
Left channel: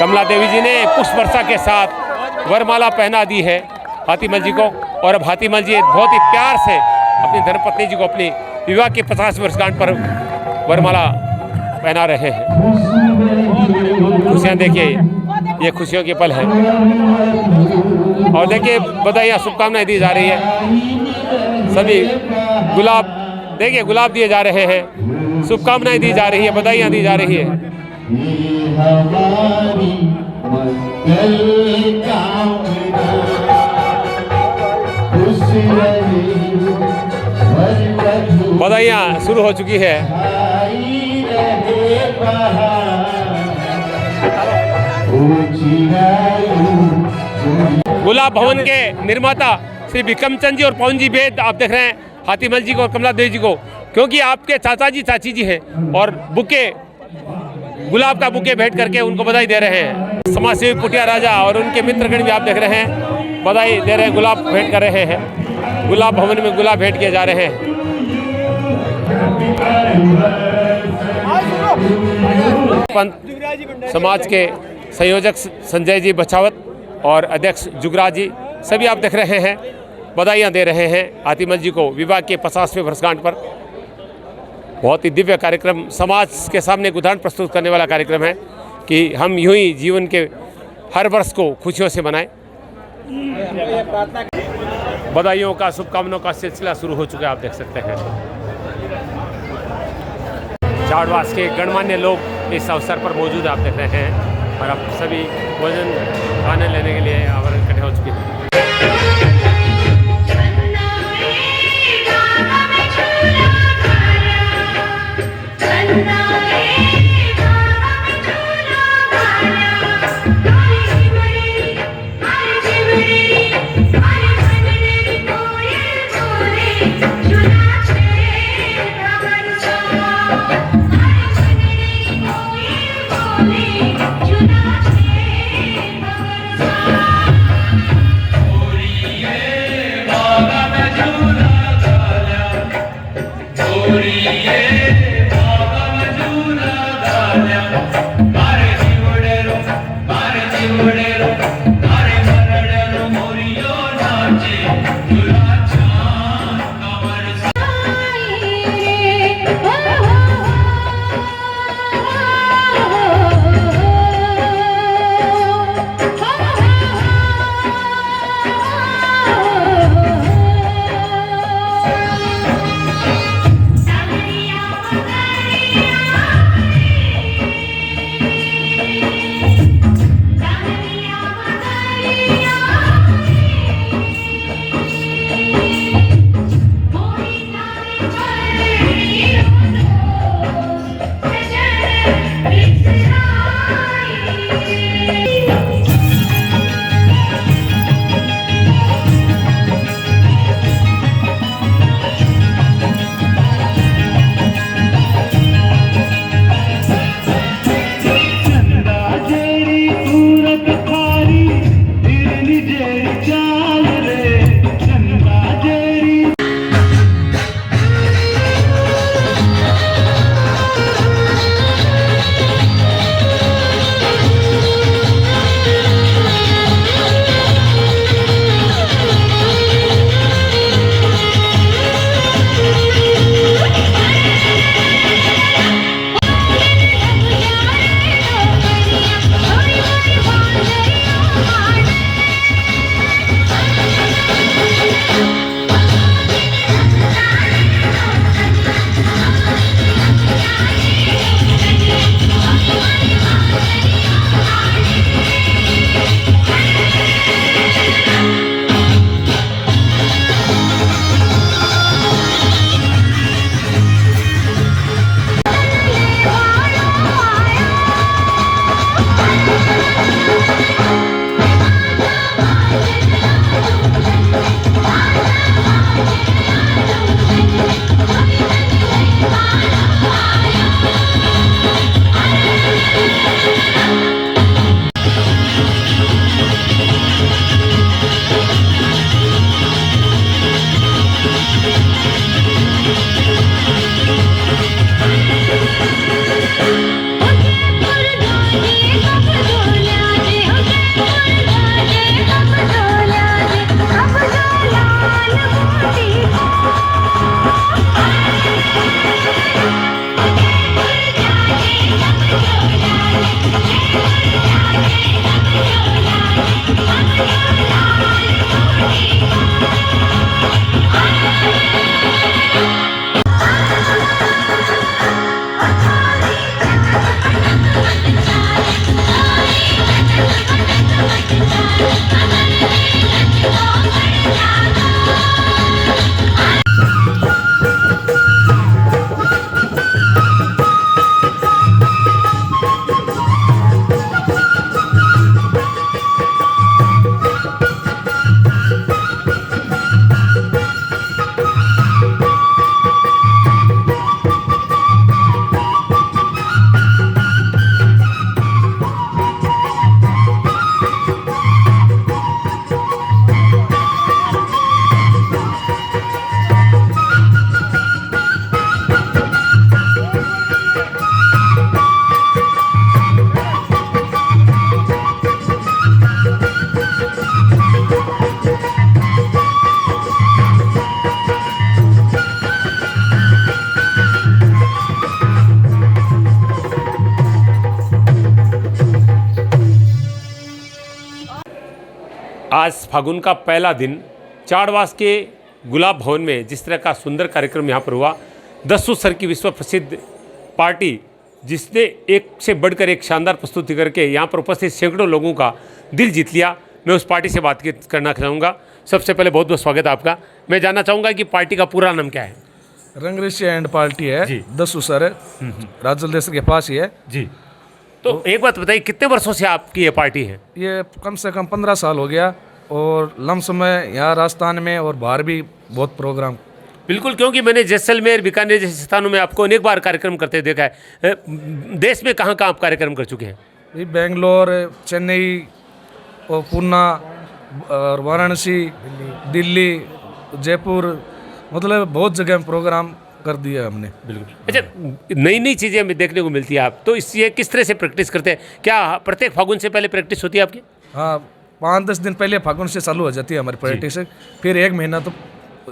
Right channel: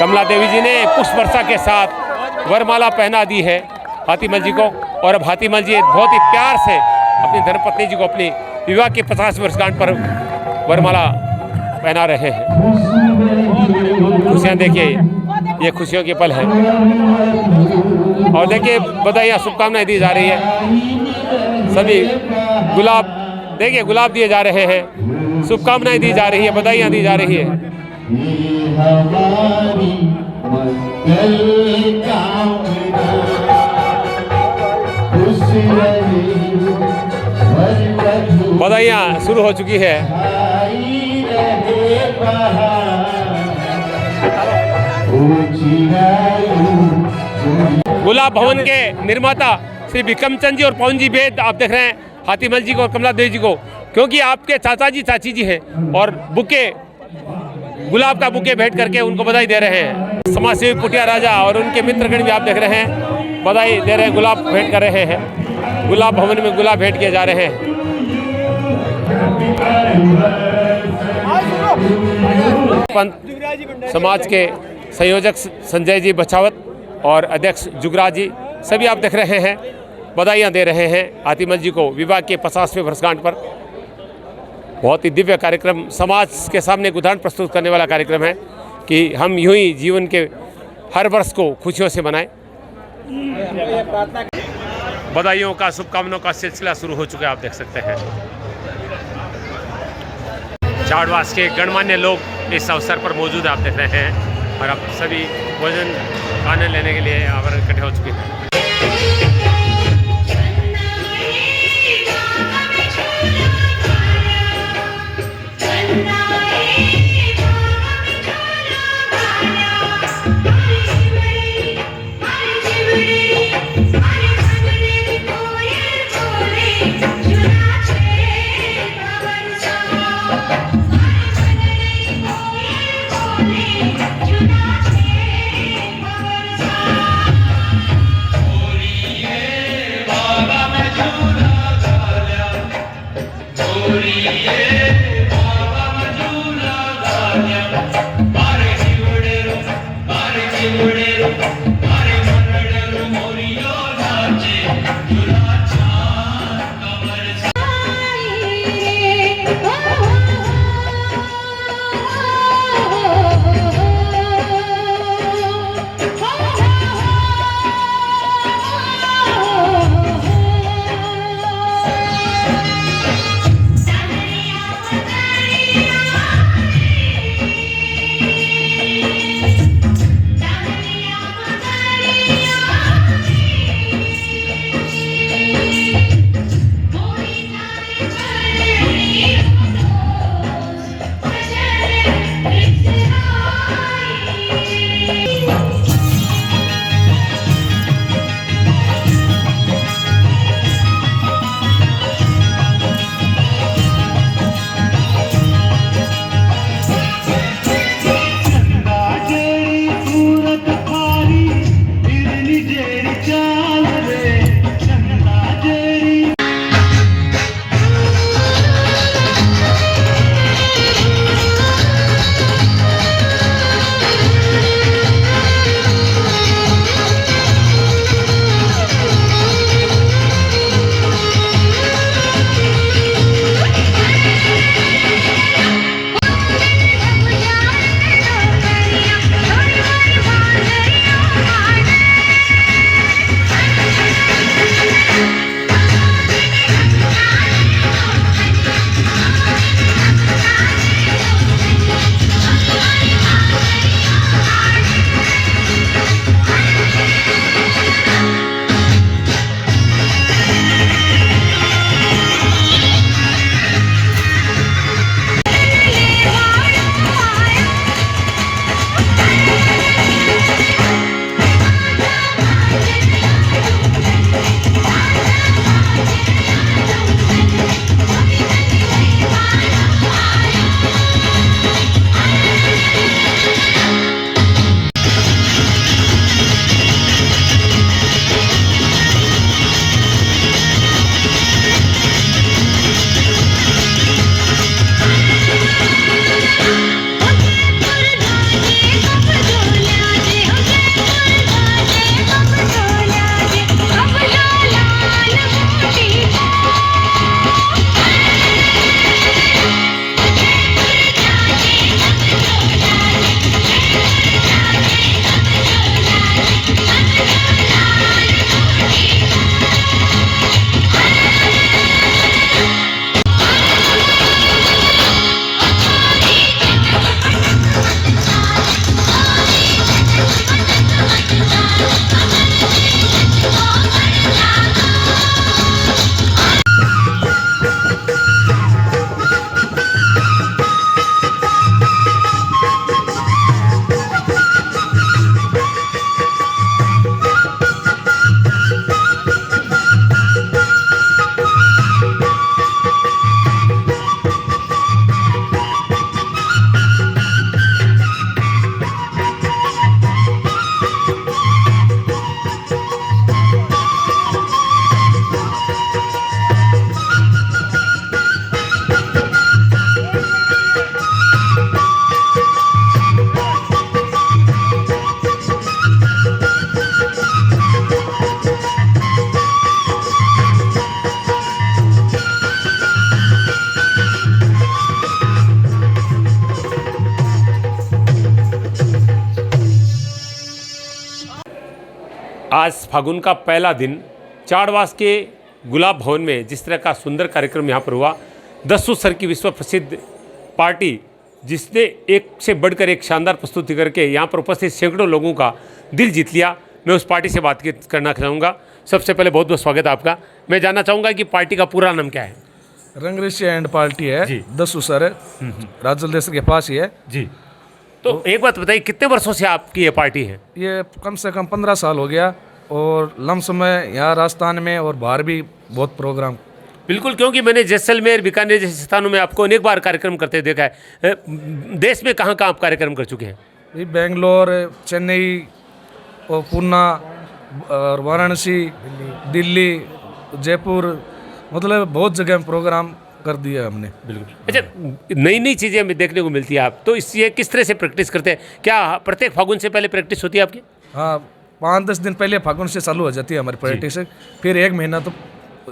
कमला देवी जी ने पुष्प वर्षा के साथ वरमाला पहना दी है हाथीमल जी को। और अब हाथीमल जी बहुत ही प्यार से अपनी धर्मपत्नी जी को अपनी विवाह की 50 वर्षगांठ पर वरमाला पहना रहे हैं। खुशियाँ देखिए, ये खुशियों के पल है। और देखिए बधाइयाँ शुभकामनाएं दी जा रही है। सभी गुलाब देखिए गुलाब दिए जा रहे हैं, शुभकामनाएं दी जा रही है, बधाइयाँ दी जा रही है। बधाइयाँ शुरू हो चुकी है। गुलाब भवन के निर्माता श्री विक्रमचंद जी और पवन जी बेद आप देख रहे हैं हाथीमल जी को और कमला देवी जी को, क्योंकि आपके चाचा जी चाची जी हैं और बुके गुलाब का बुके भेंट करके उनको बधाई दे रहे हैं। समाज सेवी पुटिया राजा और उनके मित्रगण भी आप देख रहे हैं, बधाई दे रहे हैं, गुलाब भेंट कर रहे हैं। गुलाब भवन में गुलाब भेंट किए जा रहे हैं। पंत समाज के संयोजक संजय जी बछावत और अध्यक्ष जुगराज जी सभी आप देख रहे हैं, बधाइयाँ दे रहे हैं हाथीमल जी को विवाह के 50वें वर्षगांठ पर। बहुत ही दिव्य कार्यक्रम, समाज के सामने एक उदाहरण प्रस्तुत करने वाला कार्यक्रम है कि हम यूं ही जीवन के हर वर्ष को खुशियों से मनाएं। बधाइयों का, शुभकामनाओं का सिलसिला शुरू हो चुका है, आप देख सकते हैं। चाड़वास के गणमान्य लोग इस अवसर पर मौजूद आप देख रहे हैं और अब सभी भोजन खाने लेने के लिए यहाँ पर इकट्ठे हो चुके हैं। आज फागुन का पहला दिन चाड़वास के गुलाब भवन में जिस तरह का सुंदर कार्यक्रम यहाँ पर हुआ, 10 सर की विश्व प्रसिद्ध पार्टी जिसने एक से बढ़कर एक शानदार प्रस्तुति करके यहाँ पर उपस्थित सैकड़ों लोगों का दिल जीत लिया। मैं उस पार्टी से बात करना चाहूँगा। सबसे पहले बहुत बहुत स्वागत है आपका। मैं जानना चाहूँगा कि पार्टी का पूरा नाम क्या है? रंगरेशी एंड पार्टी है जी। 10 सर राजल देश के पास ही है जी। तो एक बात बताइए, कितने वर्षों से आपकी ये पार्टी है? ये कम से कम 15 साल हो गया और लमसम में यहाँ राजस्थान में और बाहर भी बहुत प्रोग्राम। बिल्कुल, क्योंकि मैंने जैसलमेर, बीकानेर जैसे स्थानों में आपको अनेक बार कार्यक्रम करते देखा है। देश में कहाँ कहाँ आप कार्यक्रम कर चुके हैं? ये बेंगलोर, चेन्नई और पूना और वाराणसी, दिल्ली, जयपुर, मतलब बहुत जगह में प्रोग्राम कर दिया हमने। बिल्कुल। अच्छा, नई नई चीज़ें हमें देखने को मिलती है। आप तो इससे किस तरह से प्रैक्टिस करते हैं? क्या प्रत्येक फागुन से पहले प्रैक्टिस होती है आपकी? हाँ, 5-10 दिन पहले फागुन से चालू हो जाती है हमारी प्रैक्टिस। फिर 1 महीना तो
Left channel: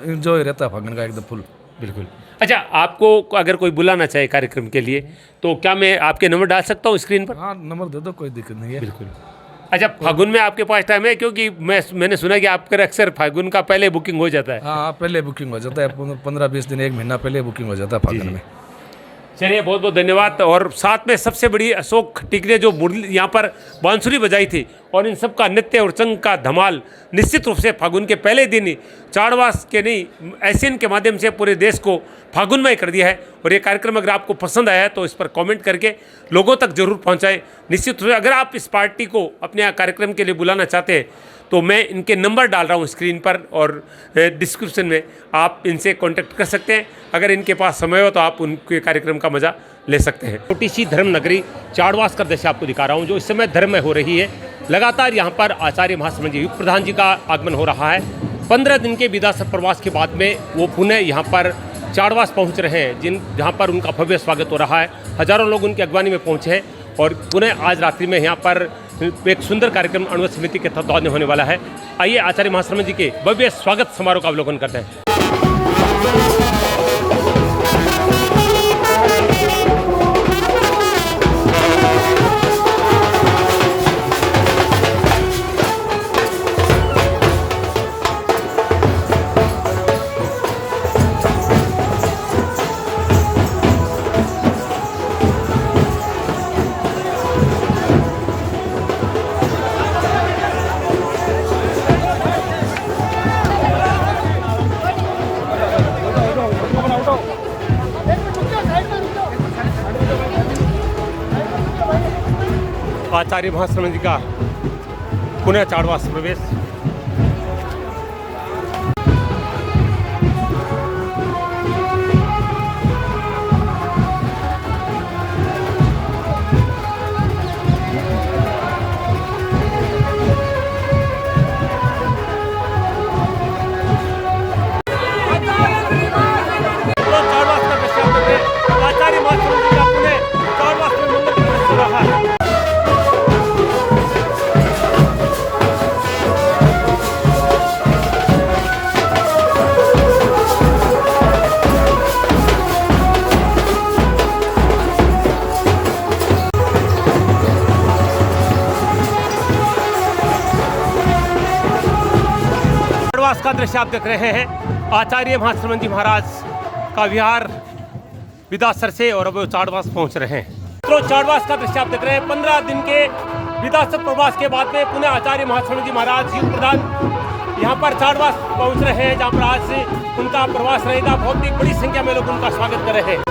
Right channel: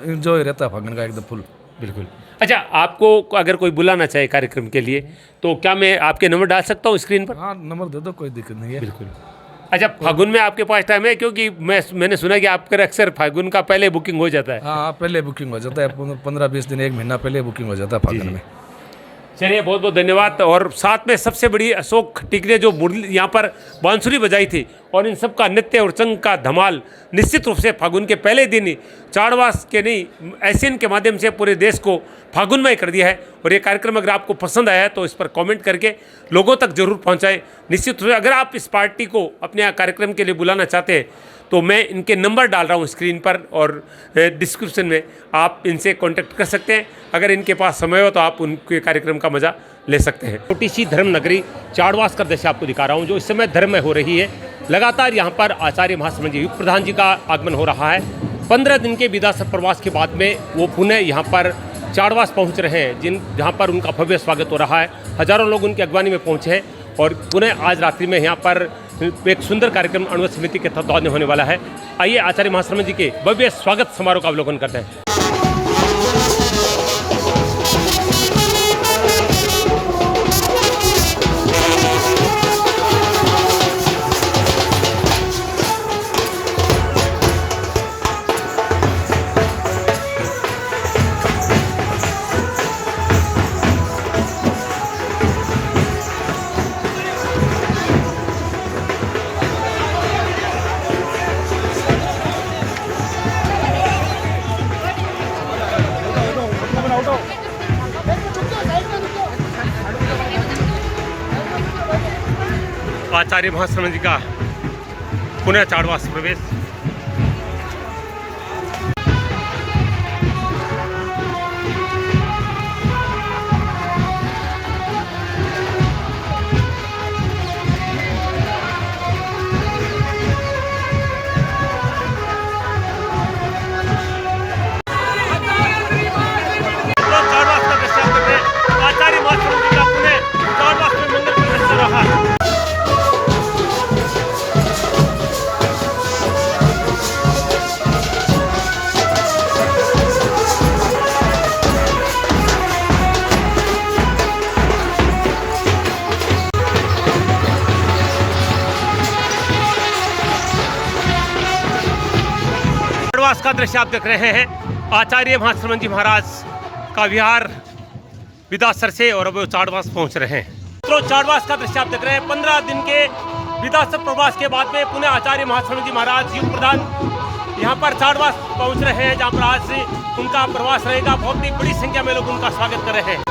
इंजॉय रहता है फागुन का एकदम फुल। बिल्कुल। अच्छा, आपको अगर कोई बुलाना चाहे कार्यक्रम के लिए तो क्या मैं आपके नंबर डाल सकता हूँ स्क्रीन पर? हाँ, नंबर दे दो, कोई दिक्कत नहीं है। बिल्कुल। अच्छा, फागुन में आपके पास टाइम है? क्योंकि मैंने सुना कि आपका अक्सर फागुन का पहले बुकिंग हो जाता है। हाँ, पहले बुकिंग हो जाता है, 15-20 दिन 1 महीना पहले बुकिंग हो जाता है फागुन में। चलिए, बहुत बहुत धन्यवाद। और साथ में सबसे बड़ी अशोक टिकरे जो मुरली यहाँ पर बांसुरी बजाई थी और इन सब का नृत्य और चंग का धमाल निश्चित रूप से फागुन के पहले दिन ही चाड़वास के नहीं एशियन के माध्यम से पूरे देश को फागुनमय कर दिया है। और ये कार्यक्रम अगर आपको पसंद आया है तो इस पर कमेंट करके लोगों तक जरूर पहुँचाएँ। निश्चित रूप से अगर आप इस पार्टी को अपने कार्यक्रम के लिए बुलाना चाहते हैं तो मैं इनके नंबर डाल रहा हूँ स्क्रीन पर और डिस्क्रिप्शन में, आप इनसे कांटेक्ट कर सकते हैं। अगर इनके पास समय हो तो आप उनके कार्यक्रम का मज़ा ले सकते हैं। छोटी सी धर्म नगरी चाड़वास का दृश्य आपको दिखा रहा हूँ जो इस समय धर्म में हो रही है। लगातार यहाँ पर आचार्य महाश्रमण जी, युग प्रधान जी का आगमन हो रहा है। 15 दिन के विदासर प्रवास के बाद में वो पुनः यहाँ पर चाड़वास पहुँच रहे हैं, जहाँ पर उनका भव्य स्वागत हो रहा है। हज़ारों लोग उनकी अगवानी में पहुँचे हैं और पुनः आज रात्रि में यहाँ पर एक सुंदर कार्यक्रम अणुवत समिति के तत्वाधान में होने वाला है। आइए आचार्य महाश्रमण जी के भव्य स्वागत समारोह का अवलोकन करते हैं। आचार्य महाश्रमण जी का पुनः चाड़वास प्रवेश। चाड़वास का दृश्य आप देख रहे हैं। आचार्य महाश्रमण जी का पुनः चाड़वास में मंगल प्रवेश हो रहा है। चाड़वास का दृश्य आप देख रहे हैं। आचार्य महाश्रमण जी महाराज का विहार विदासर से और अब वो चाड़वास पहुंच रहे हैं। तो चाड़वास का दृश्य आप देख रहे हैं। 15 दिन के विदासर प्रवास के बाद में पुनः आचार्य महाश्रमण जी महाराज युग प्रधान यहाँ पर चाड़वास पहुंच रहे हैं, जहाँ पर आज से उनका प्रवास रहेगा। बहुत ही बड़ी संख्या में लोग उनका स्वागत कर रहे हैं।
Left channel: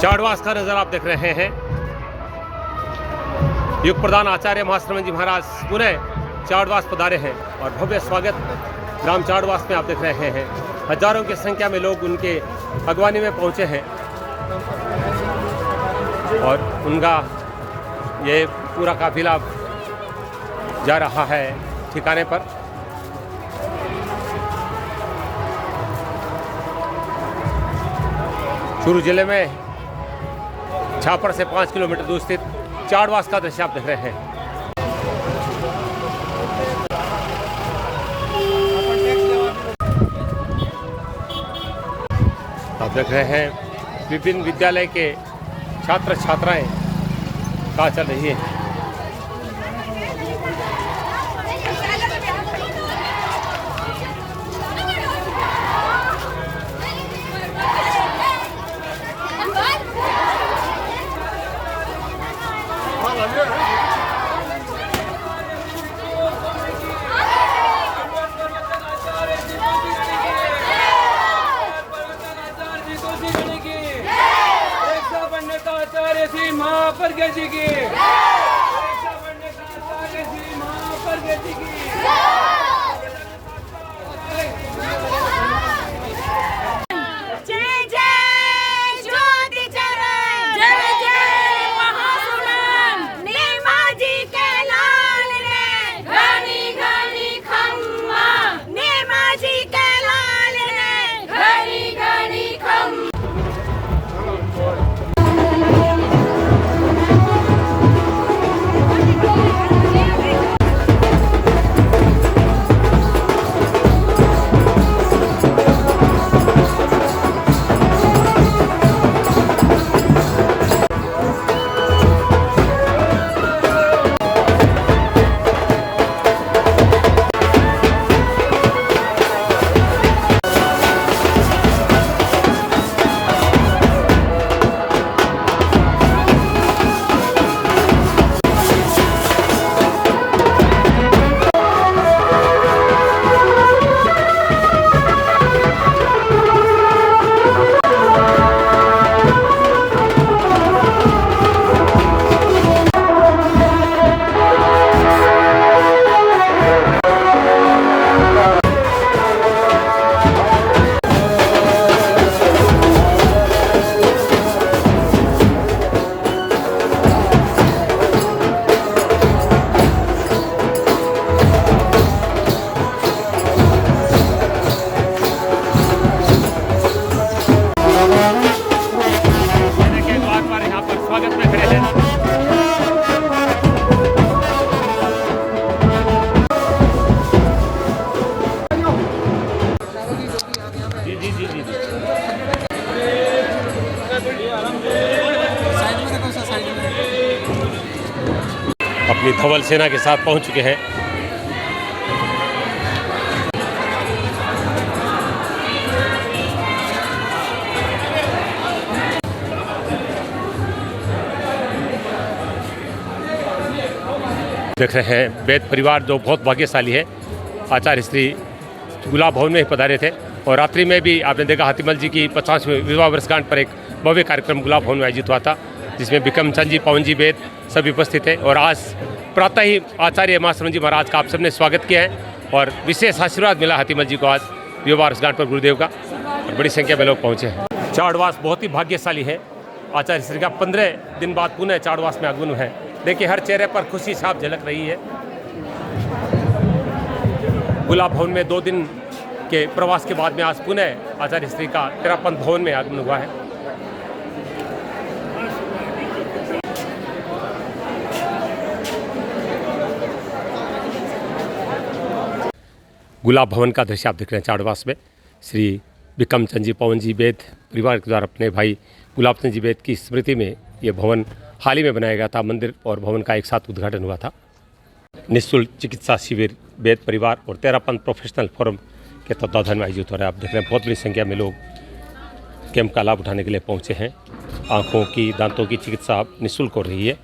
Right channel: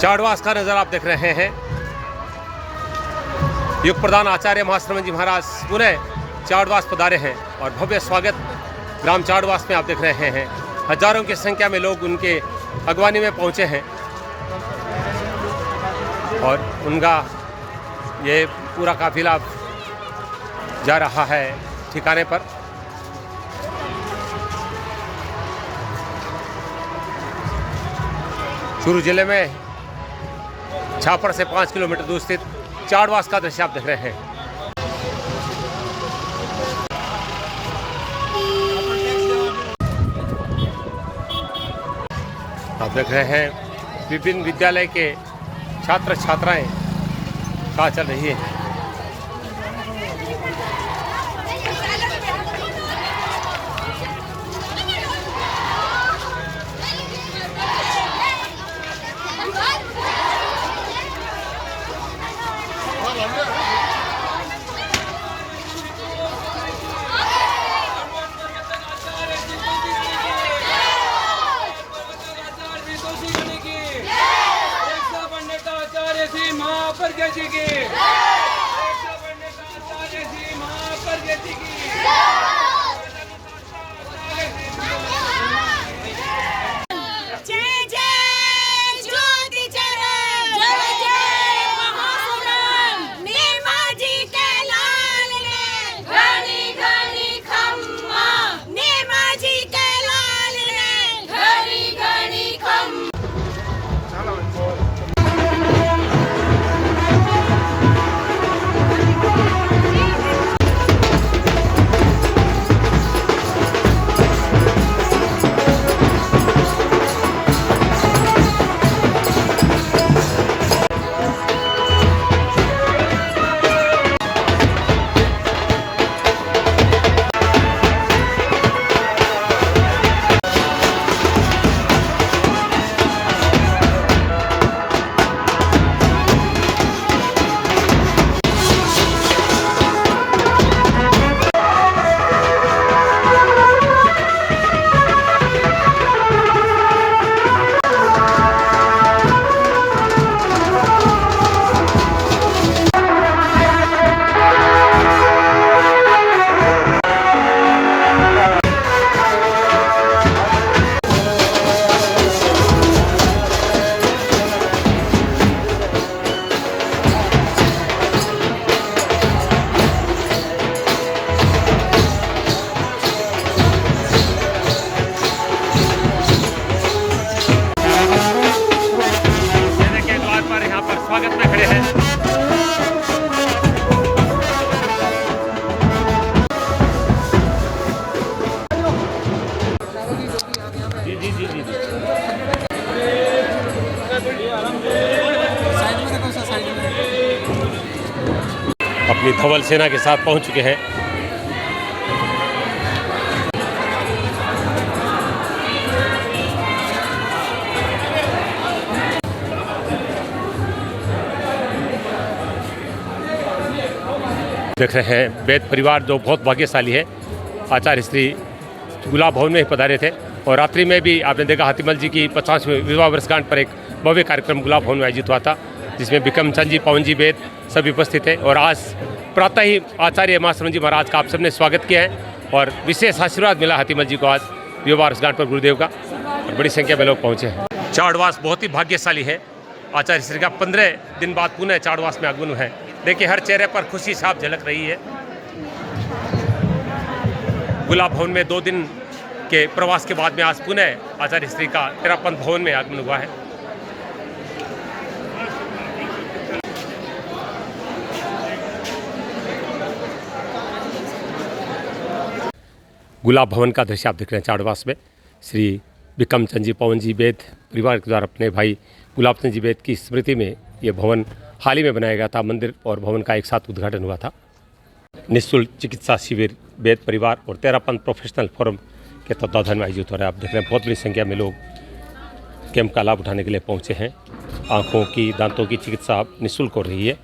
चाड़वास का नज़ारा आप देख रहे हैं। युग प्रधान आचार्य महाश्रमण जी महाराज पुनः चाड़वास पधारे हैं और भव्य स्वागत ग्राम चाड़वास में आप देख रहे हैं। हजारों की संख्या में लोग उनके अगवानी में पहुंचे हैं और उनका ये पूरा काफिला जा रहा है ठिकाने पर। चूरू जिले में छापर से 5 किलोमीटर दूर स्थित चाड़वास का दृश्य आप देख रहे हैं। आप देख रहे हैं विभिन्न विद्यालय के छात्र छात्राएं कहाँ चल रही है। स्वागत में खड़े हैं। जी जी जी जी अपनी धवल सेना के साथ पहुंच चुके हैं। देख रहे हैं वैद परिवार जो बहुत भाग्यशाली है। आचार्य श्री गुलाब भवन में ही पधारे थे और रात्रि में भी आपने देखा हाथीमल जी की 50वें विवाह वर्षगांठ पर एक भव्य कार्यक्रम गुलाब भवन में आयोजित हुआ था, जिसमें बिक्रम चंद जी, पवन जी वेद सभी उपस्थित थे। और आज प्रातः ही आचार्य मास्टर जी महाराज का आप सबने स्वागत किया है और विशेष आशीर्वाद मिला हाथीमल जी को आज विवाह वर्षगांठ पर गुरुदेव का, और बड़ी संख्या में लोग पहुँचे हैं। चाड़वास बहुत ही भाग्यशाली है। आचार्य श्री का 15 दिन बाद पुनः चाड़वास में आगमन है। देखिए हर चेहरे पर खुशी साफ झलक रही है। गुलाब भवन में 2 दिन के प्रवास के बाद में आज पुनः आचार्य श्री का तेरापंथ भवन में आगमन हुआ है। गुलाब भवन का दृश्य आप देख रहे हैं चाड़वास में। श्री बिक्रम चंद जी, पवन जी वेद परिवार के द्वारा अपने भाई गुलाब चंद जी वेद की स्मृति में ये भवन हाल ही में बनाया गया था। मंदिर और भवन का एक साथ उद्घाटन हुआ था। निःशुल्क चिकित्सा शिविर वेद परिवार और तेरापंथ प्रोफेशनल फोरम के तत्वाधान में आयोजित हो रहा है। आप देख रहे हैं बहुत बड़ी संख्या में लोग कैंप का लाभ उठाने के लिए पहुंचे हैं। आँखों की, दांतों की चिकित्सा निःशुल्क हो रही है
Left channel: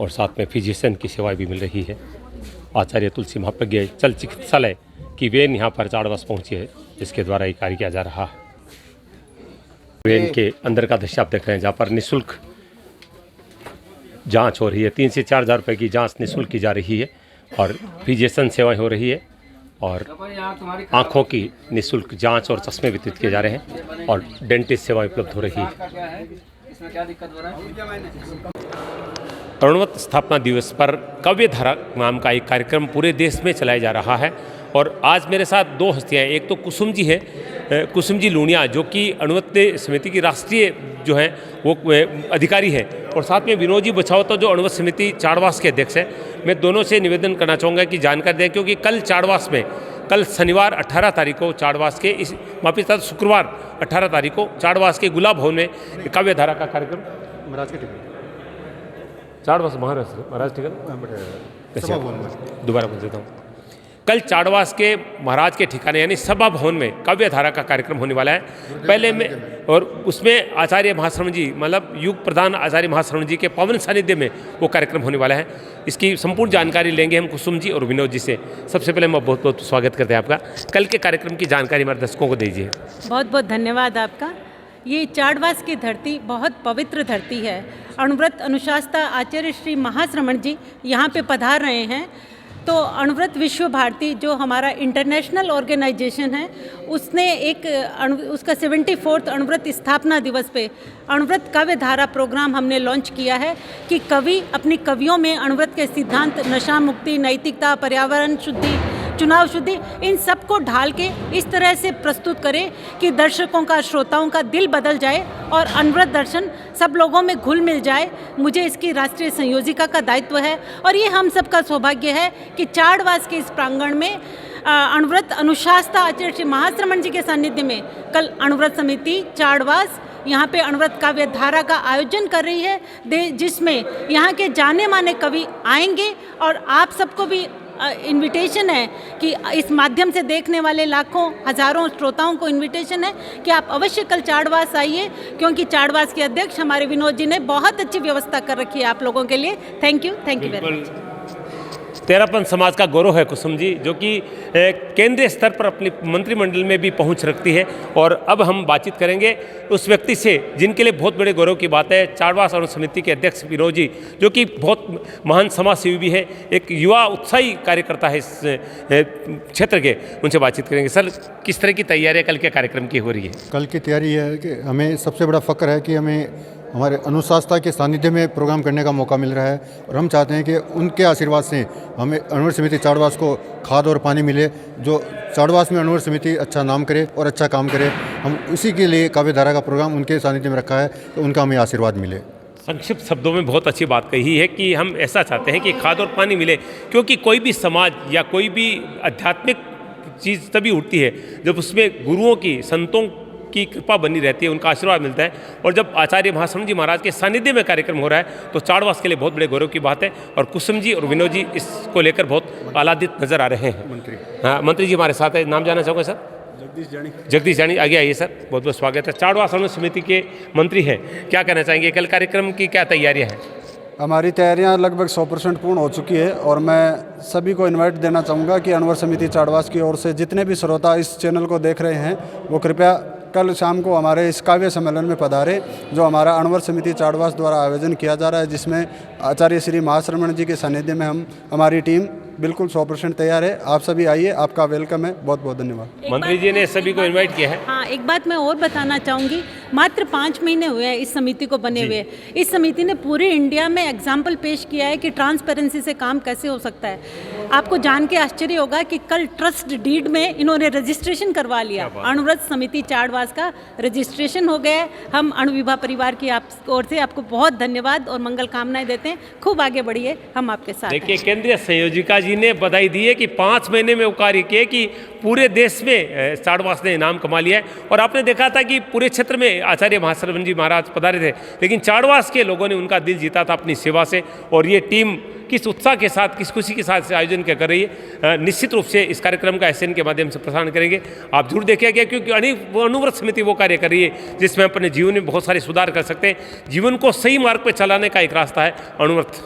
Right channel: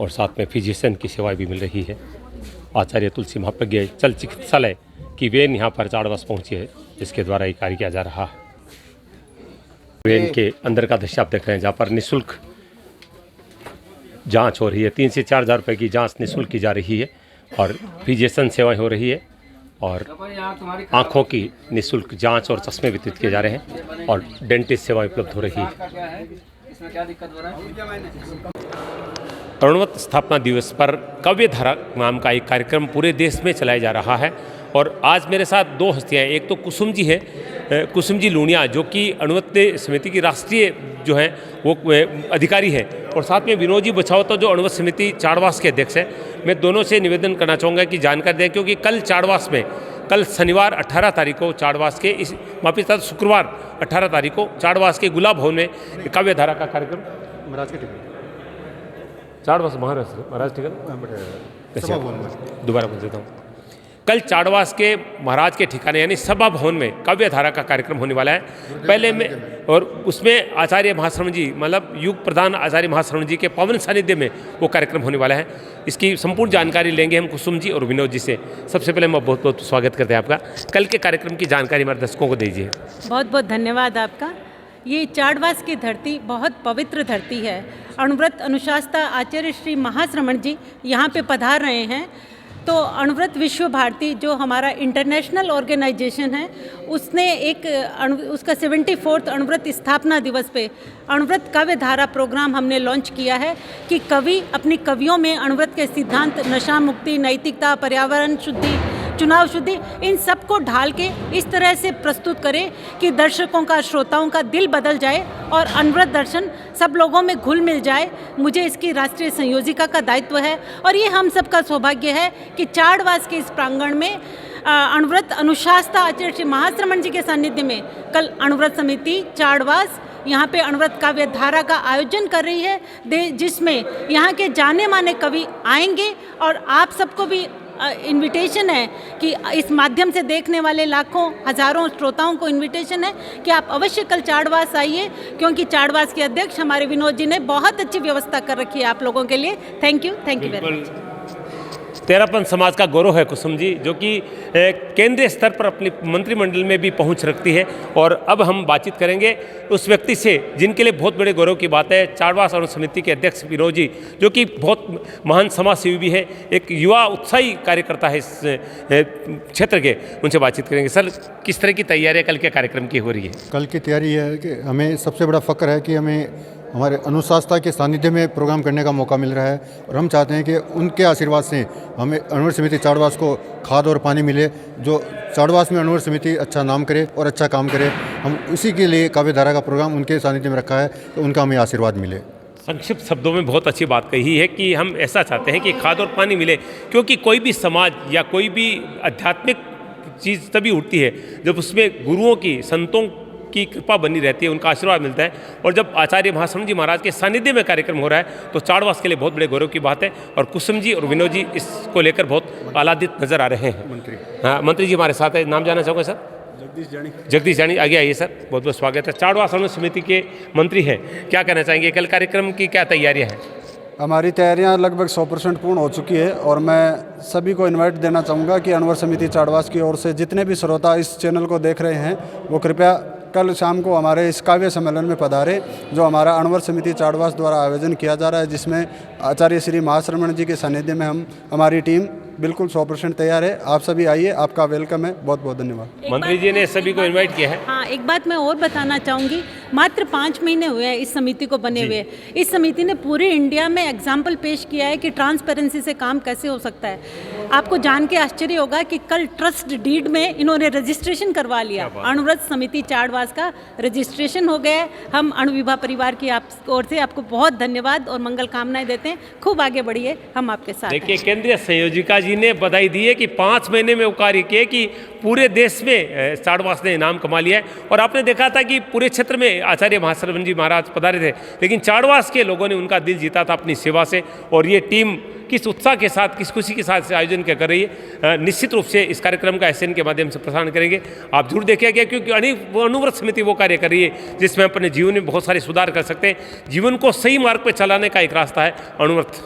और साथ में फिजिशियन की सेवाएं भी मिल रही है। आचार्य तुलसी महाप्रज्ञ चल चिकित्सालय की वेन यहाँ पर चाड़वास पहुँची है, जिसके द्वारा ये कार्य किया जा रहा है। वेन के अंदर का दृश्य आप देख रहे हैं, जहाँ पर निःशुल्क जांच हो रही है। 3 से 4 हज़ार रुपये की जांच निःशुल्क की जा रही है और फिजिशियन सेवाएं हो रही है और आँखों की निःशुल्क जांच और चश्मे वितरित किए जा रहे हैं और डेंटिस्ट सेवाएं उपलब्ध हो रही है। इसमें क्या दिक्कत हो रहा है? अणुव्रत स्थापना दिवस पर काव्य धारा नाम का एक कार्यक्रम पूरे देश में चलाया जा रहा है और आज मेरे साथ दो हस्तियां हैं। एक तो कुसुम जी है, कुसुम जी लूणिया, जो कि अणुव्रत समिति की राष्ट्रीय जो है वो अधिकारी है, और साथ में विनोद जी बछावता जो अणुव्रत समिति चाड़वास के अध्यक्ष है। मैं दोनों से निवेदन करना चाहूँगा कि जानकारी दें, क्योंकि कल चाड़वास में, कल शनिवार 18 तारीख को चाड़वास के इस माफी साथ शुक्रवार 18 तारीख को चाड़वास के गुलाब भवन में काव्य धारा का कार्यक्रम महाराज के टिकट चाड़वास महाराज ठीक है, दोबारा पूछ देता हूँ। कल चाड़वास के महाराज के ठिकाने यानी सभा भवन में काव्य धारा का कार्यक्रम होने वाला है। पहले में और उसमें आचार्य महाश्रवण जी, मतलब युग प्रधान आचार्य महाश्रवण जी के पावन सानिध्य में वो कार्यक्रम होने वाला है। इसकी संपूर्ण जानकारी लेंगे हम कुसुम जी और विनोद जी से। सबसे पहले मैं बहुत बहुत स्वागत करते हैं आपका। कल के कार्यक्रम की जानकारी हमारे दर्शकों को दीजिए। बहुत बहुत धन्यवाद आपका। ये चाड़वास की धरती बहुत पवित्र धरती है। अणुव्रत अनुशास्ता आचार्य श्री महाश्रवण जी यहाँ पे पधार रहे हैं। तो अणुव्रत विश्व भारती जो हमारा इंटरनेशनल ऑर्गेनाइजेशन है, उसने उसका 74वां अणुव्रत स्थापना दिवस पे अणुव्रत काव्य धारा प्रोग्राम हमने लॉन्च किया है कि कवि अपनी कवियों में अणुव्रत के सिद्धांत, नशा मुक्ति, नैतिकता, पर्यावरण शुद्धि, चुनाव शुद्धि, इन सब को ढाल के इस तरह से प्रस्तुत करें कि दर्शकों का, श्रोताओं का दिल बदल जाए और अणुव्रत दर्शन सब लोगों में घुल मिल जाए। मुझे इसकी राष्ट्रीय संयोजिका का दायित्व है और ये हम सबका सौभाग्य है कि चाड़वास के इस प्रांगण में अणुव्रत अनुशास्ता आचार्य श्री महाश्रवण जी के सानिध्य में कल अणुव्रत समिति चाड़वास यहाँ पे अणुव्रत काव्य धारा का आयोजन कर रही है, जिसमें यहाँ के जाने माने कवि आएंगे और आप सबको भी इनविटेशन है कि इस माध्यम से देखने वाले लाखों हजारों श्रोताओं को इनविटेशन है कि आप अवश्य कल चाड़वास आइए, क्योंकि चाड़वास के अध्यक्ष हमारे विनोद जी ने बहुत अच्छी व्यवस्था कर रखी है आप लोगों के लिए। Thank you very much. Terapanth समाज का गौरव है कुसुम जी, जो कि केंद्रीय स्तर पर अपनी मंत्रिमंडल में भी पहुंच रखती है। और अब हम बातचीत करेंगे उस व्यक्ति से जिनके लिए बहुत बड़े गौरव की बात है, चाड़वास अणु समिति के अध्यक्ष विनोद जी, जो कि बहुत महान समाज सेवी भी है, एक युवा उत्साही कार्यकर्ता है इस क्षेत्र के। उनसे बातचीत करेंगे। सर, किस तरह की तैयारियाँ कल के कार्यक्रम की हो रही है? कल की तैयारी है कि हमें सबसे बड़ा फ़ख्र है कि हमें हमारे अनुशास्ता के सानिध्य में प्रोग्राम करने का मौका मिल रहा है और हम चाहते हैं कि उनके आशीर्वाद से हमें अणुव्रत समिति चाड़वास को खाद और पानी मिले, जो चाड़वास में अणुव्रत समिति अच्छा नाम करे और अच्छा काम करे। हम उसी के लिए काव्य धारा का प्रोग्राम उनके सानिध्य में रखा है, तो उनका हमें आशीर्वाद मिले। संक्षिप्त शब्दों में बहुत अच्छी बात कही है कि हम ऐसा चाहते हैं कि खाद और पानी मिले, क्योंकि कोई भी समाज या कोई भी आध्यात्मिक चीज़ तभी उठती है जब उसमें गुरुओं की, संतों की कृपा बनी रहती है, उनका आशीर्वाद मिलता है। और जब आचार्य महाश्रवण जी महाराज के सानिध्य में कार्यक्रम हो रहा है तो चाड़वास के लिए बहुत बड़े गौरव की बात है। और कुसुम जी और विनोद जी इसको लेकर बहुत आह्लादित नजर आ रहे हैं। हाँ, मंत्री जी हमारे साथ है, नाम जानना चाहूँगा सर? जगदीश जानी, आगे आइए सर, बहुत बहुत स्वागत है। चाड़वास अणु समिति के मंत्री हैं, क्या कहना चाहेंगे? कल कार्यक्रम की क्या तैयारियाँ हैं? हमारी तैयारियां लगभग 100% पूर्ण हो चुकी है और मैं सभी को इनवाइट देना चाहूँगा कि अणुव्रत समिति चाड़वास की ओर से जितने भी श्रोता इस चैनल को देख रहे हैं वो कृपया कल शाम को हमारे इस काव्य सम्मेलन में पधारे, जो हमारा अणुव्रत समिति चाड़वास द्वारा आयोजन किया जा रहा है, जिसमें आचार्य श्री महाश्रवण जी के सानिध्य में हमारी टीम बिल्कुल 100% तैयार है। आप सभी आइए, आपका वेलकम है। बहुत बहुत धन्यवाद। मंत्री जी ने सभी को इनवाइट किया है। हाँ, एक बात मैं और बताना चाहूँगी, मात्र 5 महीने हुए हैं इस समिति को बने हुए। इस समिति ने पूरे इंडिया में एग्जाम्पल पेश किया है कि ट्रांसपेरेंसी से काम कैसे हो सकता है। आपको जान के आश्चर्य होगा कि कल ट्रस्ट डीड में इन्होंने रजिस्ट्रेशन करवा लिया। अणुव्रत समिति चाड़वास का रजिस्ट्रेशन हो गया है। हम अणुविभा परिवार की आप ओर से आपको बहुत धन्यवाद और मंगल कामनाएं देते हैं। खूब आगे बढ़िए, हम आपके साथ हैं। देखिए, केंद्रीय संयोजिका जी ने बधाई दी है कि 5 महीने में वो कार्य किए कि पूरे देश में चाड़वास ने इनाम कमा लिया है। और आपने देखा था कि पूरे क्षेत्र में आचार्य महाश्रवण जी महाराज पधारे थे, लेकिन चाड़वास के लोगों ने उनका दिल जीता था अपनी सेवा से। और ये टीम किस उत्साह के साथ, किस खुशी के साथ आयोजन क्या कर रही है, निश्चित रूप से इस कार्यक्रम का एसएन के माध्यम से प्रसारण करेंगे। आप जरूर देखिएगा, क्योंकि अणुव्रत समिति वो कार्य कर रही है जिसमें अपने जीवन में बहुत सारे सुधार कर सकते हैं। जीवन को सही मार्ग पर चलाने का एक रास्ता है अणुव्रत।